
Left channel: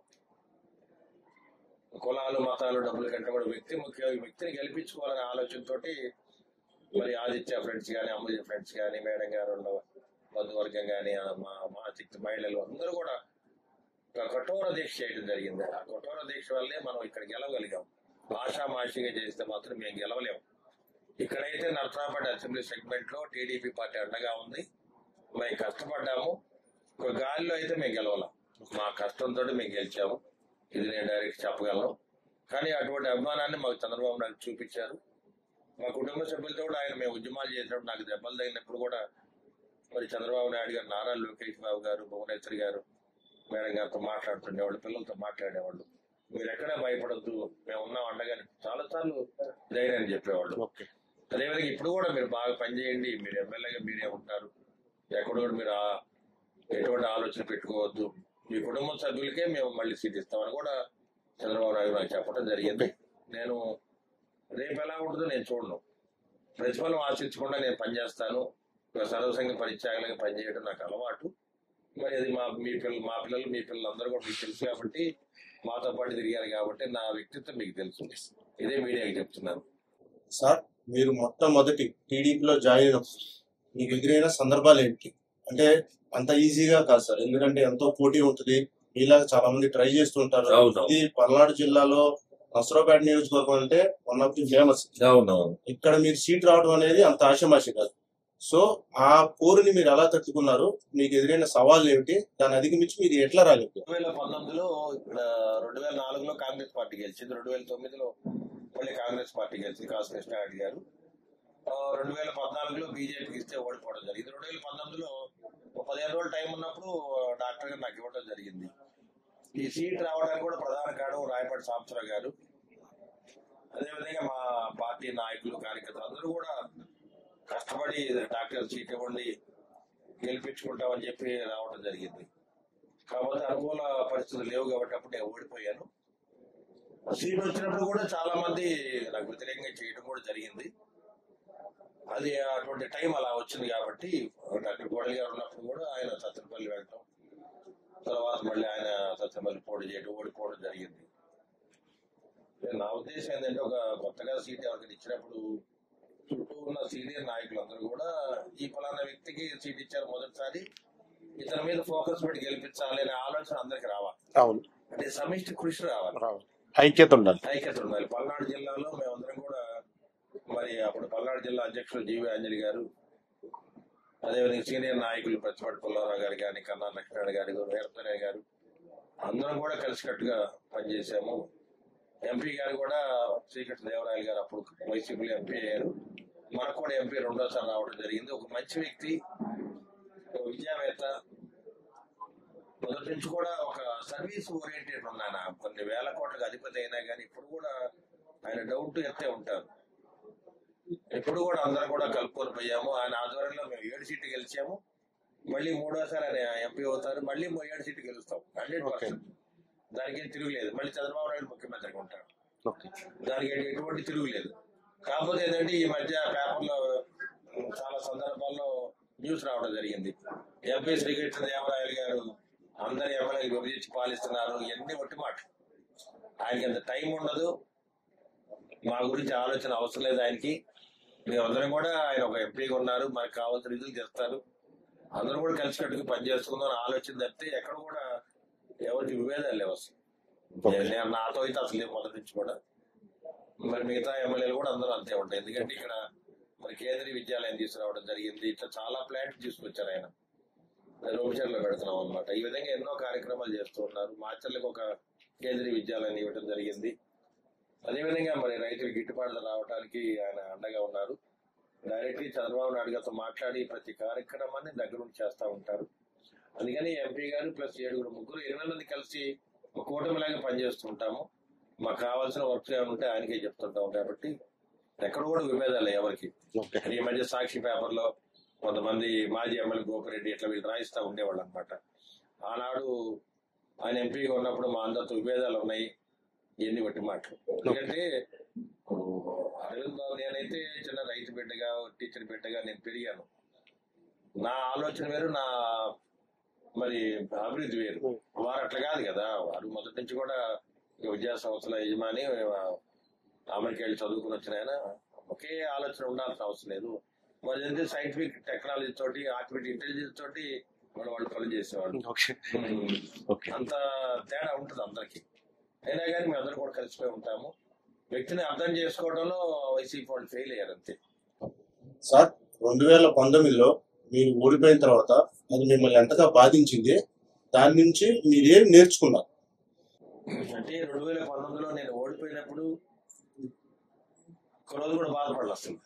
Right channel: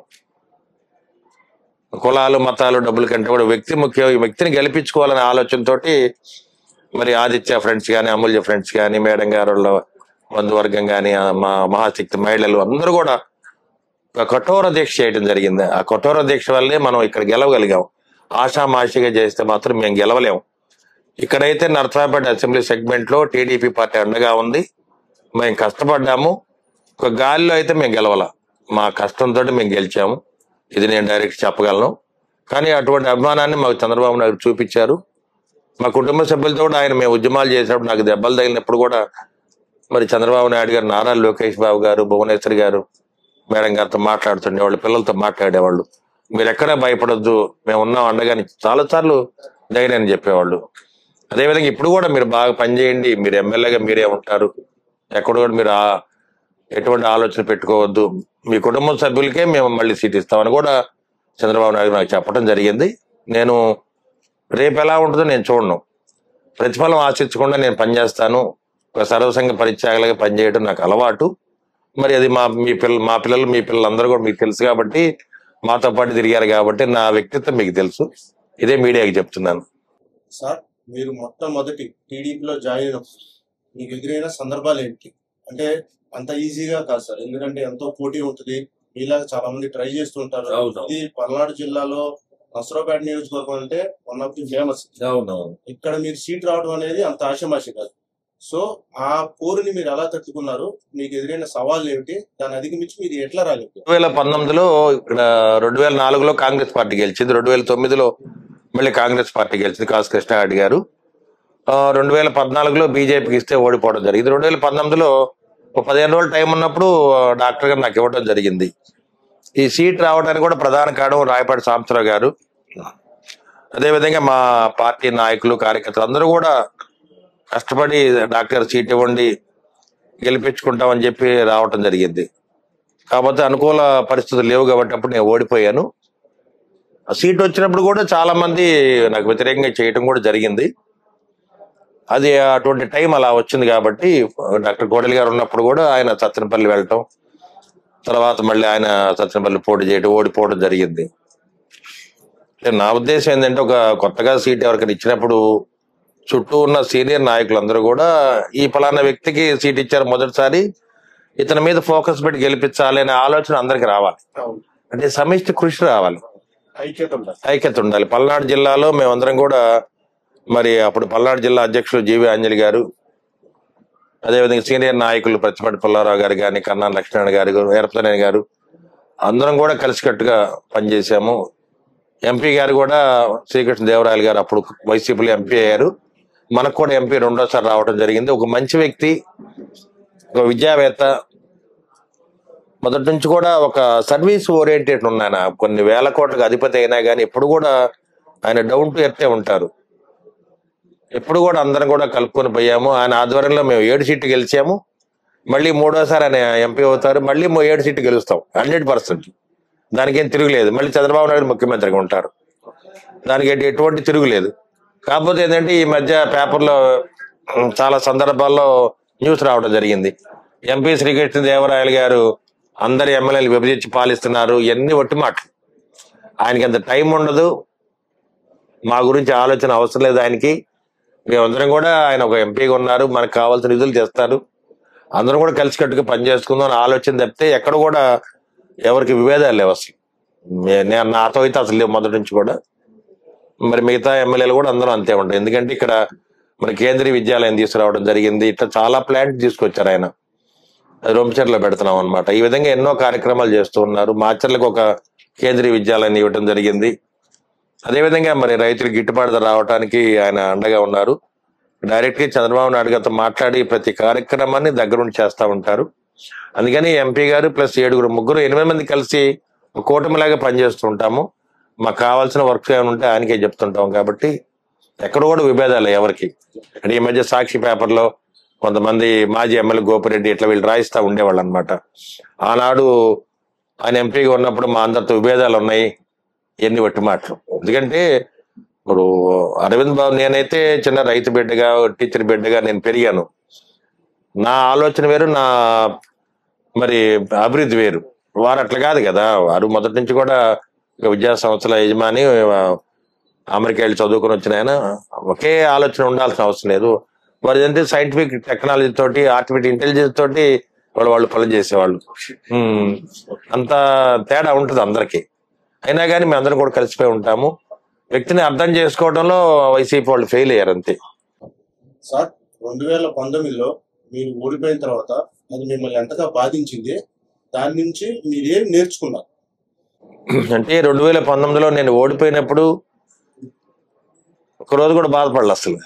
కులాలు మతాలు డబ్బుల కంటే కూడా వ్యక్తి ముఖ్యం. ఈ వ్యక్తిని గెలిపించుకోవాలనే ఆలోచనతోటి మరి ఆదిత్య ఫ్రెండ్స్ కానీ, అమూల్య ఫ్రెండ్స్ కానీ, మేడం గారు బంధువర్గం కానీ, మా మహాశక్తి మహిళలు అందరూ కూడా ఒక కఠోర దీక్ష చేయడం జరిగింది. ఆ కఠోర దీక్ష వల్లే మనం ఇక్కడ గెలవగలిగాం. ఆషామాషిగా చేస్తే మాత్రం మేము గెలవలేము. ఇక్కడైతే నర్సరావుపేట అసెంబ్లీ సెగ్మెంట్ లో టీడీపీ పార్టీ అండగా ఉంది. మేము కష్టపడ్డాము. ఒక గాలిలో అయితే మేము గెలవాల, మా కష్టంతో మేము గెలిచాము. ఇది నేను డైరెక్ట్ చెప్పగలను. కానీ అటువంటి అభిమానాన్ని మాకు చంద్రబాబు నాయుడు చూపించారు. మా కుటుంబ సభ్యులతో కూడా ఆయన మేము ఉద్యమాలు చేసినప్పుడు నాకు దెబ్బలు తగిలినప్పుడు కూడా మరి చంద్రబాబు నాయుడు గారు, నారా లోకేష్ బాబు గారు, భువనేశ్వరి గారు మేడం గారితో మాట్లాడుతుండేవాళ్ళు, పిల్లలతో మాట్లాడేవాళ్ళు. మీరు ఎక్కడా భయపడొద్దు, మేము ఉన్నాం అండగాని చాలా సార్లు ధైర్యాన్ని చెప్పేవాళ్ళు. అదేవిధంగా ఇప్పుడు కూడా మీరు బాగా పనిచేయండి, మీరు ఎమ్మెల్యేగా మీరే ఉంటారు, ఎక్కడ కూడా మీరు ఎటువంటి ఆలోచన పెట్టుకోవద్దు, మీ కుటుంబ సభ్యులకే మేము మళ్ళీ సీట్ ఇస్తామని కూడా చంద్రబాబు నాయుడు నాకు చెప్పడం జరిగింది. నేను రేపు ఎలా ఉంటుందో నేను చూడను, ప్రతిఫలం ఆశించకుండా నేను పనిచేస్తాను. ఒక సర్వసంగ పరిత్యాగలుగా పనిచేయడం నాకు అలవాటు. మరి అది మా పిల్లలు మీ పిల్లలందరూ కూడా మీకు తెలుసు కాబట్టి, మాతో పాటు తిరిగారు కాబట్టి నా వ్యక్తిత్వం మీకు తెలుసు. ఇదే మీడియాకి చెప్తున్నాను. సార్, మీరు మొట్టమొదటి టీడీపీలో జాయిన్ అయినప్పుడు మీకు ఎదురైన సందర్భాలు ఏంటి? అంటే అంత ఈజీగా కాదు సార్, ఎందుకంటే ఎంతో పోటీ ఉంటుంది. మీలాగా చాలా మంది ట్రై చేస్తుంటారు. ఇది పల్నాడు జిల్లాలో నర్సరావుపేట నియోజకవర్గం అంటే వన్ ఆఫ్ ది ఫేమస్. ఇక్కడ మీరు సీట్ రావడం అనేది అంత ఆశమాషి కాదు. సో ఆ పోరుని మీరు ఎలా తట్టుకున్నారు? మీకు ఎదురైన సవాళ్ళు ఏమిటి? దాన్ని అధిగమించి మీరు ఎట్లా రాలేదు? 2019లో ఇక్కడ 2004లో కాంగ్రెస్ పార్టీ గెలిచింది. 2009లో మళ్ళీ కాంగ్రెస్ పార్టీ గెలిచింది, కాసు కృష్ణారెడ్డి గారు. 2014లో బీజేపీకి ఇస్తే ఓడిపోవడం జరిగింది. 2019లో 15 రోజులు టైం ఉన్నప్పుడు డాక్టర్ గారు నాకు ఇవ్వడం జరిగింది. ఈ సీట్ రావడానికి కూడా ప్రధాన కారణం రాయపాటి సాంబశివరావు గారు. అదేవిధంగా మా పార్టీ నాయకులు కార్యకర్తలు అందరూ కూడా కష్టపడి డాక్టర్ సీట్ ఇవ్వండి గెలిపించుకుంటామని చెప్పి రావటం జరిగింది. కాకపోతే అనుకూల పరిస్థితులు లేవు కాబట్టి అప్పుడు నేను ఓడిపోయాను. ఆ సీట్ వచ్చినప్పుడు కూడా చాలా మంది నాకు వ్యతిరేకంగా చేయటం కూడా జరిగింది. అది అటువంటి టైం అలా వచ్చింది కాబట్టి డాక్టర్ కోడెల గారు ఉన్నప్పుడు కూడా ఆయన సత్తెనపల్లి వెళ్ళటం, తర్వాత మళ్ళీ ఆయన సత్తెనపల్లి పోటీ చేయడం, ఓడిపోవడం జరిగింది. నా ఉద్దేశం ఏంటంటే ఒక కొత్తగా సీట్ ఎవరికైనా ఇచ్చినప్పుడు చుట్టూ ఉన్న సీనియర్ నాయకులందరూ కూడా ఈ ఫలానా వ్యక్తికి సీట్ ఇచ్చారు మొదటిసారి, ఇతని మీద ఫోకస్ పెట్టి గెలిపించాలి అనే ఆలోచన అందరికి రావాలి. అంటే సమిష్టి కృషి రావాలి, ఐక్యత ఉండాలి. పల్నాడు జిల్లాలో మేమందరం కూడా మరి అప్పుడు పల్నాడు జిల్లా అధ్యక్షులు జీవి ఆంజలి గారు, అదేవిధంగా సీనియర్ నాయకులు ప్రతిపాటి పుల్లారావు గారు కానీ, కన్నా లక్ష్మణ్ గారు, వీరపనేని గారు అందరం కూడా కలిసికట్టుగా పనిచేశాము. ఎంపీ గారు కూడా శ్రీకృష్ణ దేవరాయలు గారు అప్పుడు వైసీపీలో ఎంపీ అయ్యారు. మనకు కూడా ఎంపీ రెండోసారి రావడం జరిగింది. ఒక మంచి వ్యక్తి, ఒక విద్యావేత్త, మొదటి నుంచి కూడా ఒక సర్వీస్ ఓరియంటెడ్ ఉన్నాయన. కొన్ని వేల కోట్లకు అధిపతి అయినా కానీ ఎప్పుడు కూడా ఆయన డౌన్ టు ఎర్తే ఉంటారు. ఎప్పుడు కూడా అందరం కూడా కలుపుకొని పోయాము. ఆయన ఆధ్వర్యంలో మేము 7 సీట్లు గెలిచాము. మళ్ళీ మూడోసారి ఆయన ఎంపీ అవుతారు, మళ్ళీ 7 సీట్లు గెలుస్తాం 100%. దానికేం తిరుగులేదు. మళ్ళీ చంద్రబాబు నాయుడు ముఖ్యమంత్రిగా ఉంటారు, దానికి ఎటువంటి తిరుగులేదు. కాకపోతే ఏంటంటే ఈ మధ్య పేపర్లో చాలా సందర్భాల్లో న్యూస్ రావడం జరిగింది, ఎంపీ శ్రీకృష్ణ దేవరాయలు గారు అందరి ఎమ్మెల్యేలు విభజించి పాలిస్తున్నారు, ఇవన్నీ ఒట్టి మాటలు. ఆయనకి అంత టైం ఉండదు, మా గురించి ఆలోచన అవసరం లేదు ఆయనకి. మేమందరం కూడా ఆయన ఒక ఎంపీగా ఉన్నారు, మనకు కావాల్సిన నిధులు తెస్తారు, అందరం కూడా కలిసికట్టుగా పనిచేసుకుందాం అని ఆలోచన తప్పితే ఎక్కడ కూడా ఎవరికి విభేదాలు లేవు అసలు. నేను నాతో అయితే అసలు లేవు మొదటి నుంచి కూడా. మరి మిగతా ఎమ్మెల్యేలు కూడా అందరూ అంతే ఉంటారు. ఎందుకంటే ఇక్కడ మన కేంద్రీయ విద్యాలయం తీసుకురావడం జరిగింది, ఇట్లా చాలా ప్లాంట్ తీసుకొచ్చారు ఆయన, అది రొంపిచెర్లో పెడుతున్నాం అనమాట. ఈ విధంగా ఎన్నో కార్యక్రమాలు చేస్తూ ఉన్నారు. మాచర్లకు ఒక కేంద్రీయ విద్యాలయాన్ని ఇవ్వడం జరిగింది. అదేవిధంగా మరి రైతులకు గిట్టుబాటు ధర రావడానికి ఆయన అండగా ఉన్నారు. డైరెక్ట్ గా చంద్రబాబు నాయుడు గారితో మాట్లాడి ప్రతి కార్యక్రమాన్ని దగ్గరుండి చేస్తూ ఉంటారు. అందుకని ఎంపీ గారు ప్లస్ 7 ముగ్గురు 8 మంది కలిసి ఒక కూటమిలాగా పనిచేస్తూ ఉంటాము. మాకు కావాల్సిన వర్క్స్ ఏమైనా ఉంటే ఆయనకే చెప్తుంటాం. కాబట్టి ఎక్కడ కూడా విభేదాలు ఎవరికి. అంటే ఈ మధ్య సాక్షి పేపర్లో కొంతమంది మాజీ ఎమ్మెల్యే గోపిరెడ్డి ఇట్లా వీళ్ళు రాయిస్తూ ఉండేవాళ్ళు అనమాట. ఆనాడు ఆయన ఎంపీగా ఉన్నప్పుడు మా అందరితో విభేదాలు ఉన్నాయి, ఎన్ని వట్టి మాటలు. ఎందుకంటే ఇప్పుడు అరవింద్ బాబు, నేనైతే చిన్న రైతు బిడ్డగా టీచర్ బిడ్డగా నేను పెరిగాను. నా ఆలోచన వేరు, నా మరి అభివృద్ధి వేరు. వారు అట్లా కాదు కదా, వారు మొదటి నుంచి కూడా విద్యా సంస్థల యజమాని, అమెరికా వెళ్ళి చదువుకుని వచ్చిన ఆయన. ఒకే ఆలోచన ఉండాల్సిన అవసరం లేదు. వారు ఏంటంటే సైంటిఫిక్ టెక్నాలజీ తోటి, ఆర్టిఫిషియల్ ఇంటెలిజెన్స్ తోటి వాళ్ళు పనులు చేసేవాళ్ళు. అంత తేడా ఉంటుంది అందరికి. అయినా కానీ మేము అందరం కూడా కలిసిపోయి ఉంటాము. వ్యక్తిని అర్థం చేసుకోవడంలో వైసీపీ వాళ్ళు ఫెయిల్ అయ్యారు అంతే. సార్, 2019లో మీరు ఓడిపోయిన తర్వాత అది మిమ్మల్ని ఎంతగా బాధించింది, దాని నుంచి మీరేం నేర్చుకున్నారు? అంటే 2019లో నేను ఓడిపోయినప్పుడు ఒకరోజు కూడా బాధపడలే అసలు.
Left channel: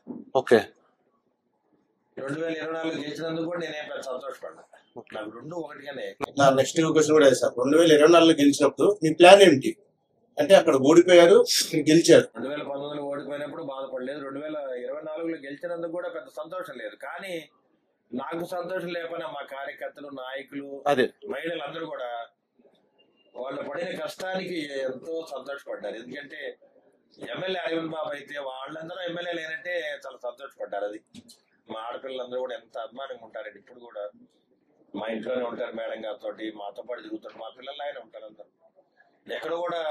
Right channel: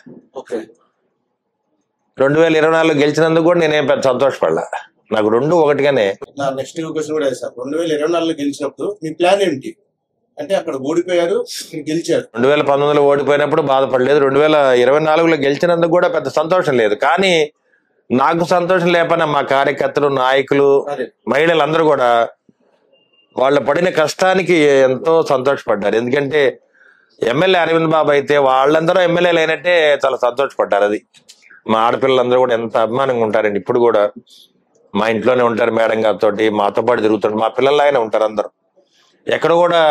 2024లో గెలిచినందుకు కూడా నేనేం పెద్ద సంతోషపడలా. నాకు రెండు ఒకటిగానే. నా నెక్స్ట్ క్వశ్చన్ కూడా సార్, 2024లో గెలిచినప్పుడు మీ ప్లాన్ ఏంటి? అంటే అక్కడ ఓడిపోయారు, గెలిచారు. 2019లో ఓడిపోయినప్పుడు బాధపడలేదు, 2024లో గెలిచినందుకు కూడా పెద్ద సంతోషం లేదు. కానీ నాకు సంతోషం లేకపోయినా మా కార్యకర్తలు, నాయకులు, మహిళలు అందరూ కూడా వాళ్ళు పడిన కష్టానికి ఎంతో సంతోషపడ్డారు. ఎందుకంటే ఎమ్మెల్యే అరవింద్ బాబు అయితే వాళ్ళందరూ ఎమ్మెల్యేలు అయినట్టే చాలా సంతోషపడ్డారు. అది మా ఆడపిల్లలందరూ కూడా ఎంత అభిమానంగా ఉంటారండి. ఇప్పుడు కూడా మా ఇంట్లోనే ఉంటారు, మేడం గారితో మాతో పాటు తిరుగుతుంటారు, మా పిల్లలు ఆయన ఉంటారు అందరూ. ఎక్కడ కూడా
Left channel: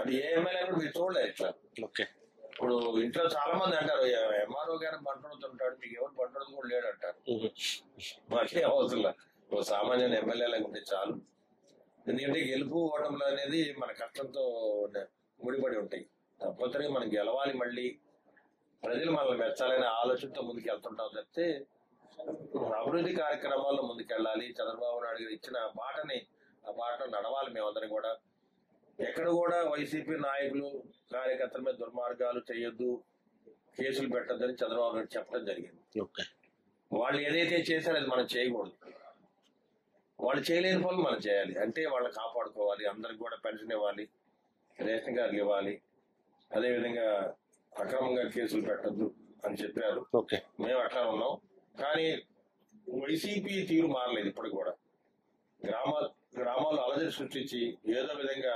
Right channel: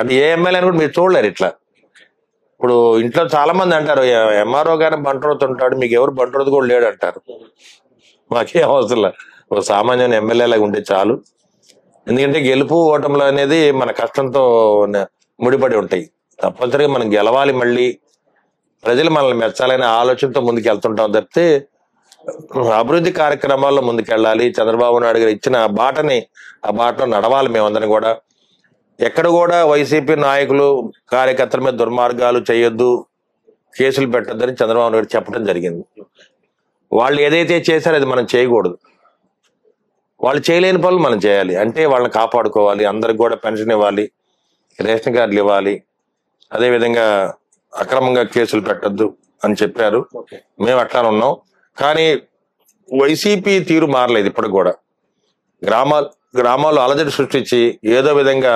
అది ఏ ఎమ్మెల్యే కూడా మీరు చూడలేరు ఇట్లా. ఇప్పుడు ఇంట్లో చాలా మంది అంటారు, ఎంఆర్ఓ గారిని బంటరోతుంటాడు, మీకు ఎవరు బంటరోతు కూడా లేడు అంటారు. మాకే అవసరం, ఒక సామాన్య ఎమ్మెల్యేలాగా ఉంటే చాలు. ఎందుకంటే గెలుపు ఓటములు అనేది మన కష్టంతో ముడిపడి ఉంటాయి. తప్పనిసరిగా మనం గెలవాలి, మళ్ళీ ప్రజలు మనల్ని మెచ్చాలనే ఆలోచనతో ముందుకు వెళ్తుంటాం తప్పితే అభివృద్ధి కార్యక్రమాల్లో ముందుకెళ్ళాలి. చంద్రబాబు నాయుడు గారు ఇచ్చిన బాటని ఆ బాటలో నడవాలి మేమందరం కూడా. ఎక్కడ కూడా వైసీపీ నాయకులు కార్యకర్తల మీద దుర్మార్గాలు చేయొద్దు, కేసులు పెట్టొద్దని చంద్రబాబు నాయుడు చెప్పడం జరిగింది. వాళ్ళు ఏదైతే చేశారో అది మనం చేయకూడదు. వాళ్ళు చేయలేని పనులు మనం చేయాలి. అంటే వాళ్ళని కాపాడుకోవాలి, అందరికి కూడా పెన్షన్ ఇవ్వాలి, రేషన్ కార్డులు ఇవ్వాలి, అదేవిధంగా అక్రమంగా కేసులు పెట్టద్దు అని చెప్పారు. మేము అట్లా ఉన్నాం. కానీ వైసీపీ తీరు మారలేదు. ఇప్పటికి కూడా గ్రామాల్లో అలజడి సృష్టించి ఏదో విధంగా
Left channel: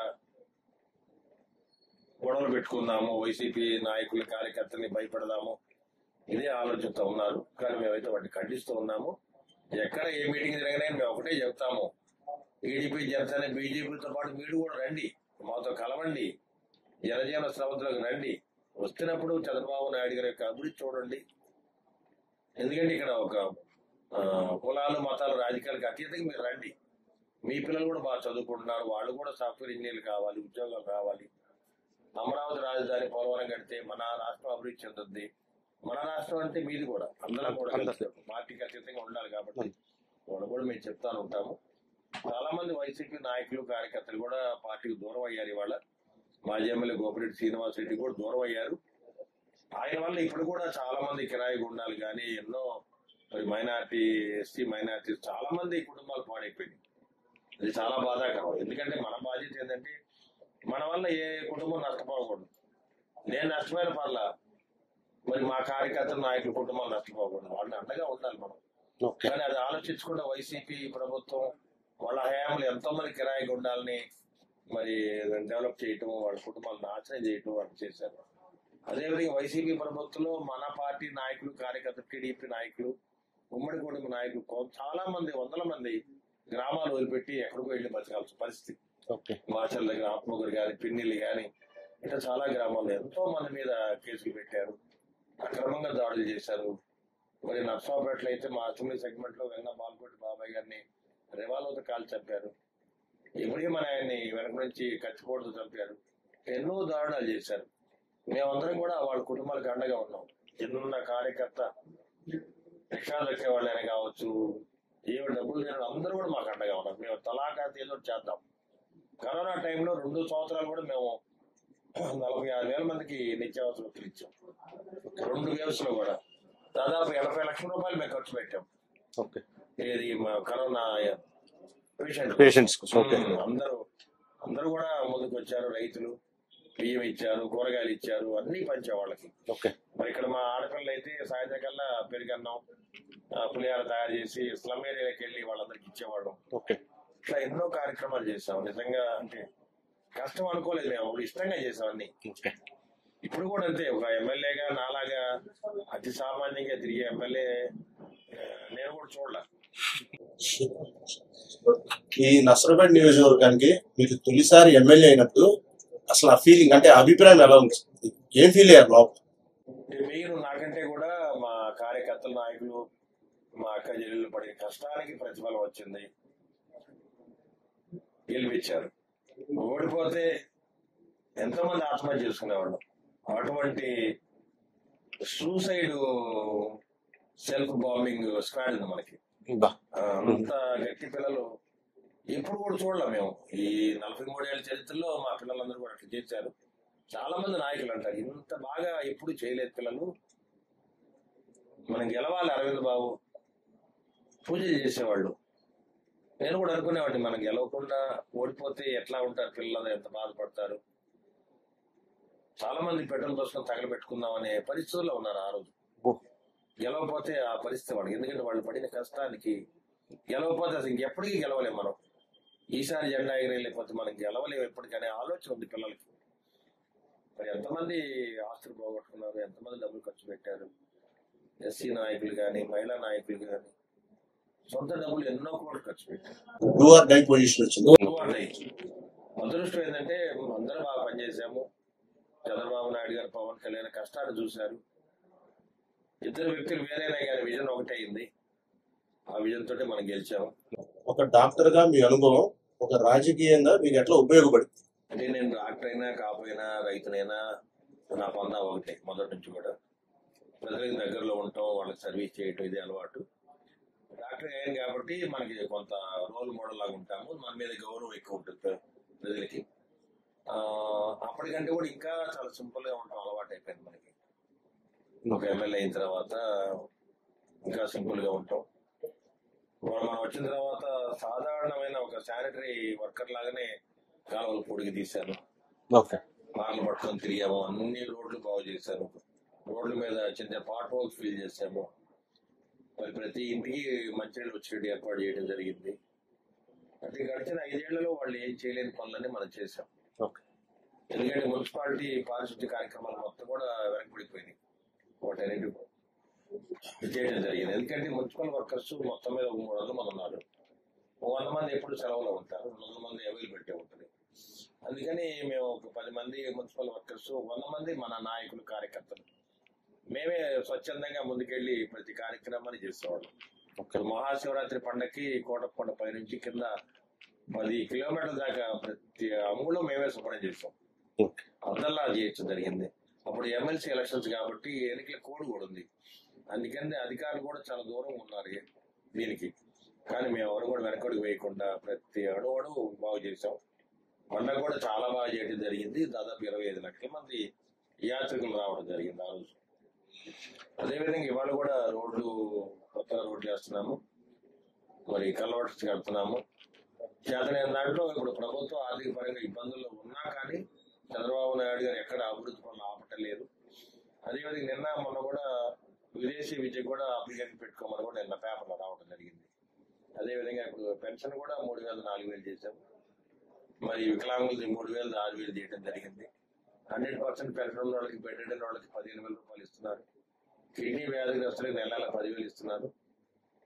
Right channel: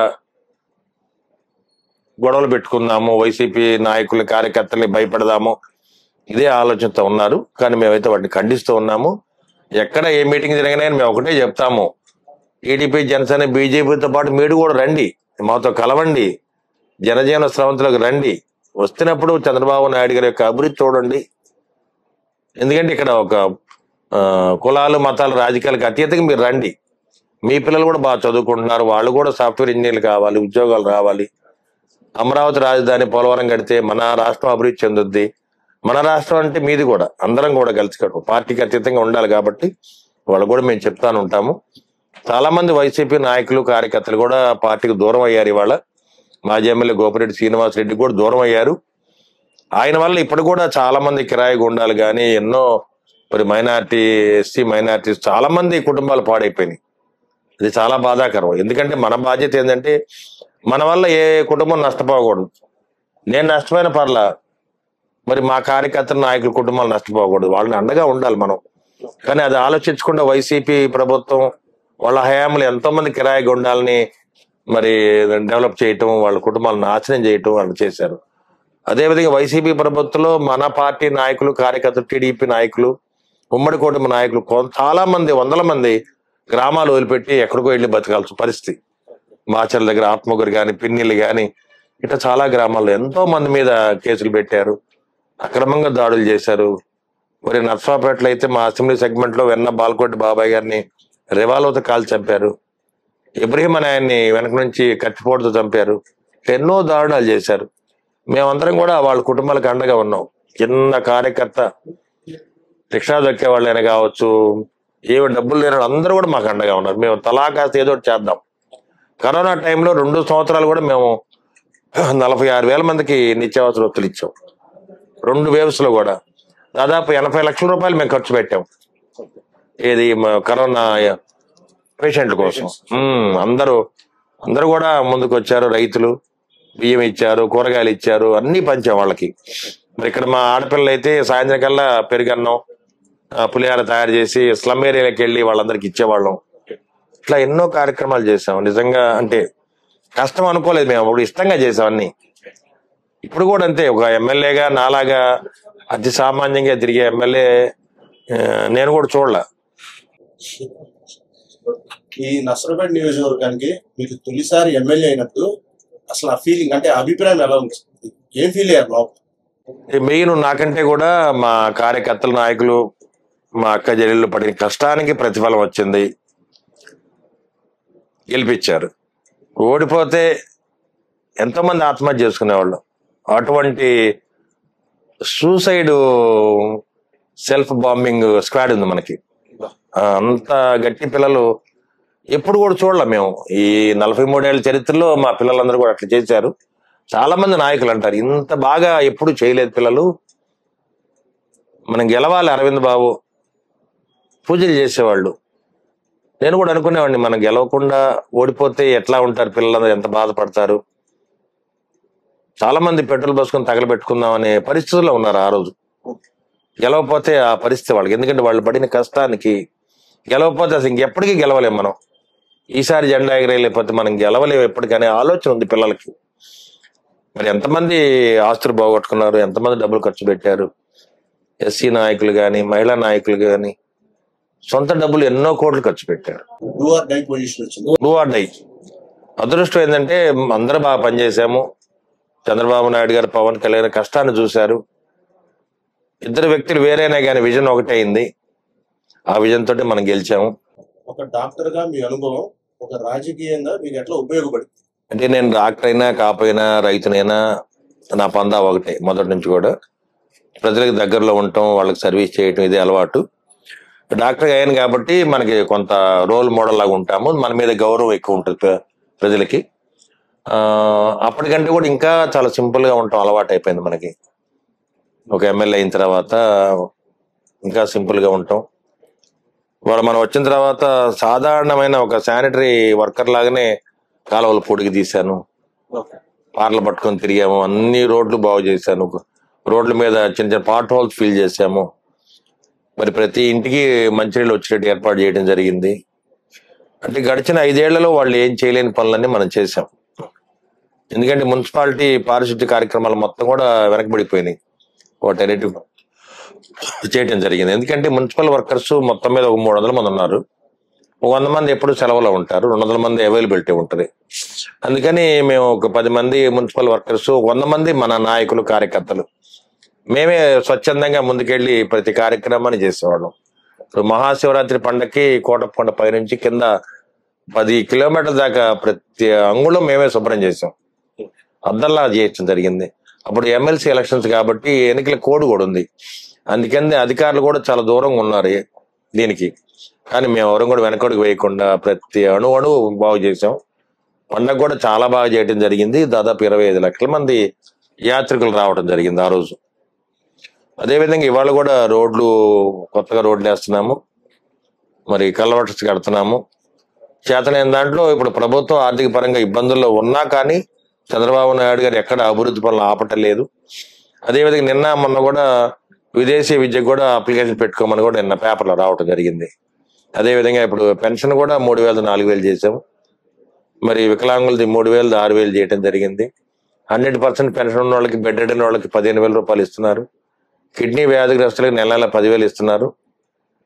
గొడవలు పెట్టుకుందాము, వైసీపీ నాయకుల్ని కార్యకర్తల్ని భయపడదాము, ఇదే ఆలోచనతో ఉన్నారు. కానీ మేమైతే వాటిని ఖండిస్తూ ఉన్నాము. ఎక్కడ ఏ మీటింగ్ జరిగినా మేము ఒకటే చెప్తాము, టీడీపీ, జనసేన, బీజేపీతో పాటు మీరు కూడా రండి, మాతో కలవండి, జనజీవన స్రవంతిలోకి రండి. వస్తున్నప్పుడు చంద్రబాబు నాయుడు గారి యొక్క అభివృద్ధి చూడండి. ఎందుకంటే ఇక్కడ ఒక కులాలు, మతాలు, రాజకీయాలకు అతీతంగా మీరు రండి. మీ పిల్లలు కూడా బాగా చదువుకుంటున్నారు, వాళ్ళు కూడా సాఫ్ట్వేర్ ఇంజనీర్లు కావాలి, ఉద్యోగాలు రావాలి. అమరావతి రాజధాని, పోలవరం కడితే మన రాష్ట్రం అభివృద్ధి చెందుద్ది. మన రాష్ట్రం అంటే మీది కూడా, అందరం కూడా కలిసి పార్టీకి అతీతంగా ఉండాలి. కాబట్టి వాళ్ళు కూడా మేము చెప్తాను ఉంటాము. చాలా మంది వైసీపీ నాయకులు, కార్యకర్తలు కూడా పార్టీకి దూరం అయ్యారు. ఇవాళ మాజీ ఎమ్మెల్యే గోపిరెడ్డి శ్రీనివాసరెడ్డి కూడా దూరం అయ్యారు. ఆయన వల్ల ఇప్పుడు కూడా చాలా మంది కిరాయి గుండాలు కానీ, ఎన్నో మరి మైనార్టీ, ఎస్సీ మైనార్టీస్ చాలా మంది కుటుంబాలు పాడైపోయినాయి. ఇది చాలా బాధాకరం. ఎందుకంటే మన బాధ్యత ఏంటంటే మన వల్ల ఏ కుటుంబం నష్టపోకూడదు. నేను నష్టపోయిన పర్లా, మరి మా కార్యకర్తల నాయకుల కుటుంబాలు నష్టపోకూడదు. వాళ్ళని అండగా ఉండాలి మనం. కానీ అది ఆలోచించకుండా వైసీపీ ప్రభుత్వం వాళ్ళ హయాంలో ఎంతో మంది కిరాయి గుండాలని మరి డెవలప్ చేయటం, వాళ్ళ కుటుంబాలను నాశనం చేయటం వాళ్ళు చేశారు. అదేవిధంగా వైసీపీ ప్రభుత్వంలో మన పార్టీ నాయకులు, కార్యకర్తలు, టీడీపీ నాయకులు, ఉమ్మడి కుటుంబ నాయకులు చాలా మంది, వందల మంది గ్రామాలు వదిలిపెట్టి ఎక్కడికో వెళ్ళి బతకాల్సిన పరిస్థితి. మాచర్ల దగ్గర ఆత్మగురు కానీ, పిన్నిలు కానీ, ఇట్లా చాలా గ్రామాల్లో ఎంతో మంది మీద కేసులు పెట్టారు, అక్రమంగా దాడులు చేశారు. మరి నర్సాపేటలో అయితే మా అసెంబ్లీ సెగ్మెంట్ లో వెన్న బాల్కోటి బాబాయ్ గారిని రివాల్వర్తో కాల్చి చంపారు. ఇబ్రహీం అనే ఆయన్ని వెనక నుంచి కత్తిపోటుతో చంపారు. ఎన్నో దారుణాలు చేశారు. మేమందరం కూడా వాళ్ళ కుటుంబాలకు అండగా ఉన్నాం. చిన్న కార్యకర్త, రిక్షా దొక్కే వాళ్ళైనా కావచ్చు, ఏమి డబ్బులు లేని అందరూ కూడా మాకు అండగా ఉన్నారు. మేము తలాకాస్త ఏదో ఒకటి చేద్దాం. కరోనా టైంలో 2 సంవత్సరాలు కూడా మేము 46,000 మందికి నిత్యావసర వస్తువులు ఇచ్చాం. 2 వేవ్స్ లో కూడా దాదాపు 80 లక్షల రూపాయలు మేము ఖర్చు పెట్టాం. ఏది కరోనా పేషెంట్ల కోసం. అందరూ కూడా ముందుకు వచ్చారు. రైతులు బియ్యం ఇచ్చారు, కూరగాయలు ఇచ్చారు, అన్ని పంచాం వాళ్ళకి. మరి ఇక్కడ మా ఆడపిల్లలు అయితే సాయంత్రం కల్లా పెరుగన్నం, పులిహార తయారు చేసి స్లమ్ ఏరియాలకు వెళ్ళి వాళ్ళందరికి ఇచ్చేవాళ్ళం. ఇట్లా ఎన్నో కార్యక్రమాలు చేసాం. నిజంగా అంటే కష్టం అనుకోలేదు మేము, అప్పుడు ఇష్టంగా చేసాం అన్ని. ఇప్పుడు కూడా అంతే. ఒక ఎమ్మెల్యేగా నాలాగా అతి సామాన్యంగా తిరిగే ఎమ్మెల్యే నేను కూడా చూడలే. ఈ నర్సరావుపేట నియోజకవర్గానికి మీకు తొలిసారి ఎమ్మెల్యే అయినప్పుడు అసలు ఆ ఫీలింగ్ అంటే అభిప్రాయం ఎలా ఉంది? ఏం ఫీల్ అయ్యారు లోపల? మెయిన్ నాకంటే కూడా మా కార్యకర్తల, నాయకులు, మా అక్క చెల్లెళ్ళు పడిన కష్టానికి ప్రతిఫలం వచ్చింది. గెలిపించారు. ఓడిపోతే ఎంతో మంది ఆత్మహత్య చేసుకునేవాళ్ళు. అటువంటి సూసైడ్, సెల్ఫ్ బాంబింగ్ స్క్వాడ్ ఉంది మనకి. అంత గట్టి పిల్లలు ఎప్పుడు కూడా చూడలే మేము. ఈ 43 ఏళ్ల చరిత్రలో మా పిల్లలందరూ కూడా అట్లా చేశారు. చాలా మంది నాయకులు అంటారు ఇంత బాగా ఎప్పుడు చేయలేదు పిల్లలు, మనం గెలవాలి. అరవింద్ బాబు పూజలు చేసేవాళ్ళు. నేను కూడా అనుకునేవాడిని, మనం గెలవకుండా ఓడిపోతే ఎట్లా ఉంటారు పిల్లలందరూ, ఎంత బాధపడతారు. చాలా మంది పెట్రోల్ పోసుకొని తగలబెట్టుకుందాం అనే పరిస్థితుల్లో ఉన్నారు ఆ రోజు. గెలవకపోతే ఆ పరిస్థితి వాళ్ళకి. ఎందుకంటే వాళ్ళు పడిన కష్టానికి గెలవకపోతే అసలు ఇంకెప్పటికీ గెలవలేం మనం. ఈసారి జెండా ఎగరేయలేకపోతే మనం గెలవలేము ఎప్పటికనే ఆలోచన ఉంది పిల్లలకి. మరి ఎంతమంది ఆస్తులు పోగొట్టుకున్నారు, ఎంతమంది డబ్బులు ఖర్చు పెట్టారు. ఎస్సీ నాయకులు కానీ, మహిళా నాయకులు కానీ సొంత డబ్బులు ఎన్నో కోట్లు ఖర్చు పెట్టారు. Do or die. అదృష్టం ఏంటంటే అందరూ బాగా పనిచేసాము. చంద్రబాబు నాయుడు గారు, పవన్ కళ్యాణ్ కష్టాన్ని చూశారు. ఇద్దరు వ్యక్తులు వేరేనే కానీ విజన్ ఒకటే అయింది. ఆ విజన్ తోటి మనం గెలిచాము. ఒక డాక్టర్ గా మీ అనుభవం ఒక రాజకీయంగా మీకు ఎట్లా ఉపయోగపడింది? అంటే నేను డాక్టర్ అయినా, కాపోయినా, రైతునైనా నా పందా ఒకటే. మొదటి నుంచి కూడా ప్రజలకు దగ్గరలో ఉండటం, వాళ్ళకి సర్వీస్ చేయటం ఇదే అలవాటు. డాక్టర్ అయ్యాను కాబట్టి మనకి కొంత రోల్ మోడల్ లాగా ఉంటాము. మన మీద గౌరవం ఎక్కువ ఉంటుంది ప్రజలకి. అప్పటికంటే కూడా ఇంకా చాలా సింపుల్ గా ఉంటాం అలవాటు అయిపోయింది మనకి. ఒక ఎమ్మెల్యే అయిన తర్వాత ఇంకా సింపుల్ గా ఉంటాం. వాళ్ళు మనం వచ్చిన తర్వాత సాధారణమైన ఒక శానిటరీ వర్కర్ లాగానే కాలువలు పొడిగి తీశాను. పార్లు పట్టుకొని తిరిగాము, అన్ని రోడ్లు బాగు చేశాను, రోడ్ల మీద చిన్న చిన్న పాట్ హోల్స్ ఫిల్ చేశాము. మరి ప్రతి ఇంటికి మంచినీళ్ళు వచ్చేటట్టు ఏర్పాటు చేయడం జరిగింది. అంటే గడిచిన 5 ఏళ్లలో వాళ్ళు ఏం చేయలేని పనులన్నీ మనం చేశాం. ఎందుకంటే మున్సిపాలిటీ పారిశుద్ధ్య కార్యక్రమాలు మొత్తం కూడా వెనకబడిపోయినాయి. వాటన్నిటి చేయడం జరిగింది. ఎందుకంటే మున్సిపల్ వర్కర్స్ మొత్తం మీద ఒక 300 మంది ఉన్నారు. 100 మంది ఎప్పుడు సెలవులో ఉంటారు, 200 మంది అవైలబిలిటీ ఉంటుంది. అందుకని మేము ఒక 10 మంది మున్సిపల్ వర్కర్స్, 100 మంది మన నాయకులు, కార్యకర్తలు, మేమే స్వచ్ఛందంగా ముందుకెళ్లి ప్రతి కార్యక్రమాన్ని చేసేవాళ్ళం. ఇప్పుడు మహాశివరాత్రి పండగకి కోటప్పకొండ పైనుంచి కింద 10 కిలోమీటర్ల దాకా ప్రతి అంగుళం మేమే శుభ్రం చేసాం, అద్దంలా చేయడం జరిగింది. అప్పుడు ఎమ్మెల్సీ ఎలక్షన్స్ కాబట్టి ఎన్నికల కోడ్ కూడా ఉంది. అందుకని అధికారులు కూడా చాలా దూరంగా ఉన్నారు దీనికి. కానీ మేము ఎవరం కూడా వెనకడుగు వేయకుండా ప్రతి అణువు బాగు చేసాం. పండగ కూడా చాలా బాగా చేయడం జరిగింది. దాదాపు 25 లక్షల మంది యాత్రికులు రావడం జరిగింది ఆ రోజు. అదేవిధంగా ఇవాళ కూడా రోడ్లు, కొత్తగా రోడ్లు వేస్తున్నాము, మరి కల్వర్ట్స్ కడుతున్నాము. చేతనైన దాంట్లో ఇప్పుడు ప్రభుత్వం ఆర్థిక పరంగా ఇబ్బందుల్లో ఉన్నా కానీ చంద్రబాబు నాయుడు గారు ఎక్కడ అభివృద్ధి పనులు ఆపటం లేదు. అదేవిధంగా నిన్న మొన్న కూడా విదేశీ విద్యకు కూడా అప్లికేషన్ పెట్టుకోమని కూడా నిన్న పేపర్లో రావటం జరిగింది. అదేవిధంగా ఇప్పుడు పెన్షన్ కూడా 3,000 4,000 చేసాము. మరి వికలాంగులది 3,000 6,000 చేయడం జరిగింది. 100% పెన్షన్ ఉన్న వాళ్ళకి, బెడ్ రెడ్ వాళ్ళకి 15,000 రూపాయలు ఇస్తున్నారు. కిడ్నీ వ్యాధిగ్రస్తులకి నెల 10,000 ఇస్తున్నారు.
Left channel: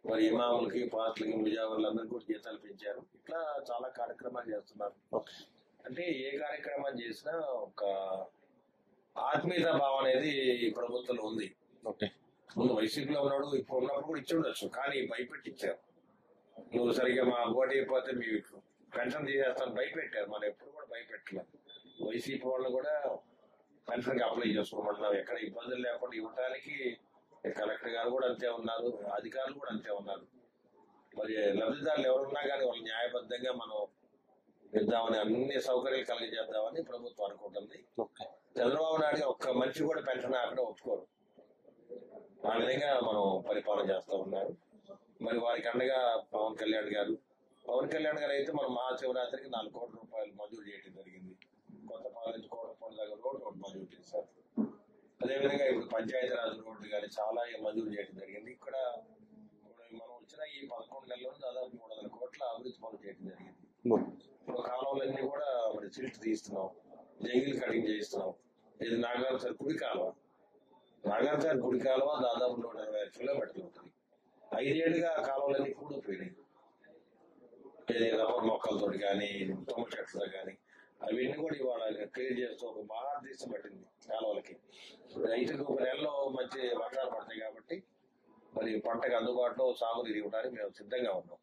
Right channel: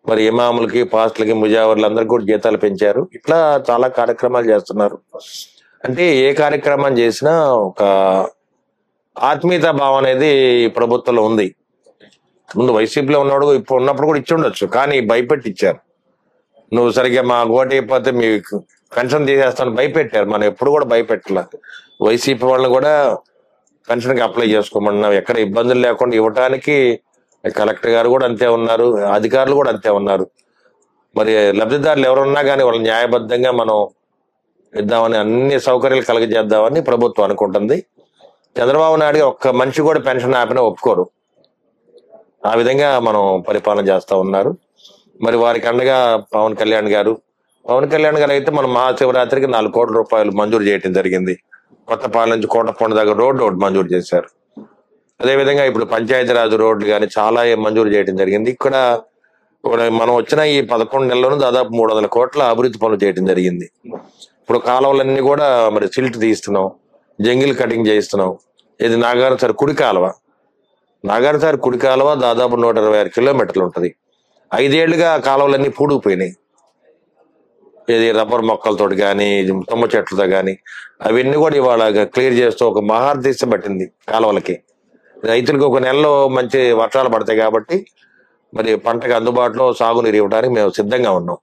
మరి ఇమాములకి, పాస్టులకి, ముజావర్లు అందరికి కూడా జీతాలు పెంచారు. ఇట్లా చాలా కార్యక్రమాలు చేస్తున్నారు. అంటే ఏ కార్యక్రమం చేసినా ఒక ఆత్మీయత భావం అనేది ప్రభుత్వంలో ఉంది. ముందు వైసీపీలో ఉన్నాడు, ఇప్పుడు ఉన్నప్పుడు కూడా ఇచ్చి ఉండొచ్చు, కానీ భయపెట్టి ఇచ్చారు. నువ్వు సరిగ్గా మా ఓటు అయిపోతే మీకు పెన్షన్ తీసేస్తాను భయపెట్టారు. మనం ఎప్పుడు కూడా భయపెట్టలే. వైసీపీ వాళ్ళని కూడా పెన్షన్కి అప్లై చేసుకోమన్నాం, ఎక్కడ ఇబ్బందులు లేకుండా ఇవ్వటానికి కలెక్టర్ గారు కూడా అంతే ఉన్నారు, అధికారులు కూడా అంతే ఉన్నారు. మరి లబ్ధిదారులు ఎవరున్నా కానీ వాళ్ళు న్యాయబద్ధంగా మనం ఇద్దామని, అన్ని సౌకర్యాలు కలగజేద్దామని ప్రభుత్వం అనుకుంటుంది. చంద్రబాబు నాయుడు ఒక్క మనిషి కూడా పెన్షన్ ఆపినా ఒప్పుకోరు. ఆ విధంగా మనం పరిపాలన చేస్తా ఉన్నారు. మరి వారికి అండగా పవన్ కళ్యాణ్ గారు అయితే మన మహాశివరాత్రికి 4 కోట్ల రూపాయలు మంజూరు చేయడం జరిగింది. కొత్తపాలెం నుంచి కోటప్పకొండ దాకా రోడ్డు ఒకటి మంజూరు చేశారు. అదేవిధంగా ఇప్పుడు పంచాయతీరాజ్ రోడ్లు కానీ చాలా మంజూరు చేయడం జరిగింది. ఇక్కడ మనం వచ్చిన ఈ 11 నెలల్లోనూ దాదాపు 300 కోట్ల అభివృద్ధి పనులు చేయడం జరిగింది. ఇప్పుడు కాలువలన్నీ కూడా మరి సిల్ట్ తీస్తున్నాం, జంగిల్ కటింగ్ చేయిస్తున్నాం. ఇది నాగార్జున కుడి కాలువ దాదాపు 126 కిలోమీటర్లు ఉంటుంది. 5 ఏళ్లుగా కాలువలన్నీ పూడుకుపోయినాయి. ఇది రబ్బర్ మొక్కలతో కానీ, తుమ్మ చెట్లతో కానీ, అవన్నీ కూడా ఇవాళ క్లియర్ చేస్తూ ఒక మహార్దీశ పట్టింది కాలువలకి. రైతులకు ఒక నెలలో మంచి వర్షాలు పడతాయి కాబట్టి మరి పంటకు అందుబాటులో సాగునీరు ఇవ్వడానికి మేము సిద్ధంగా ఉన్నాం.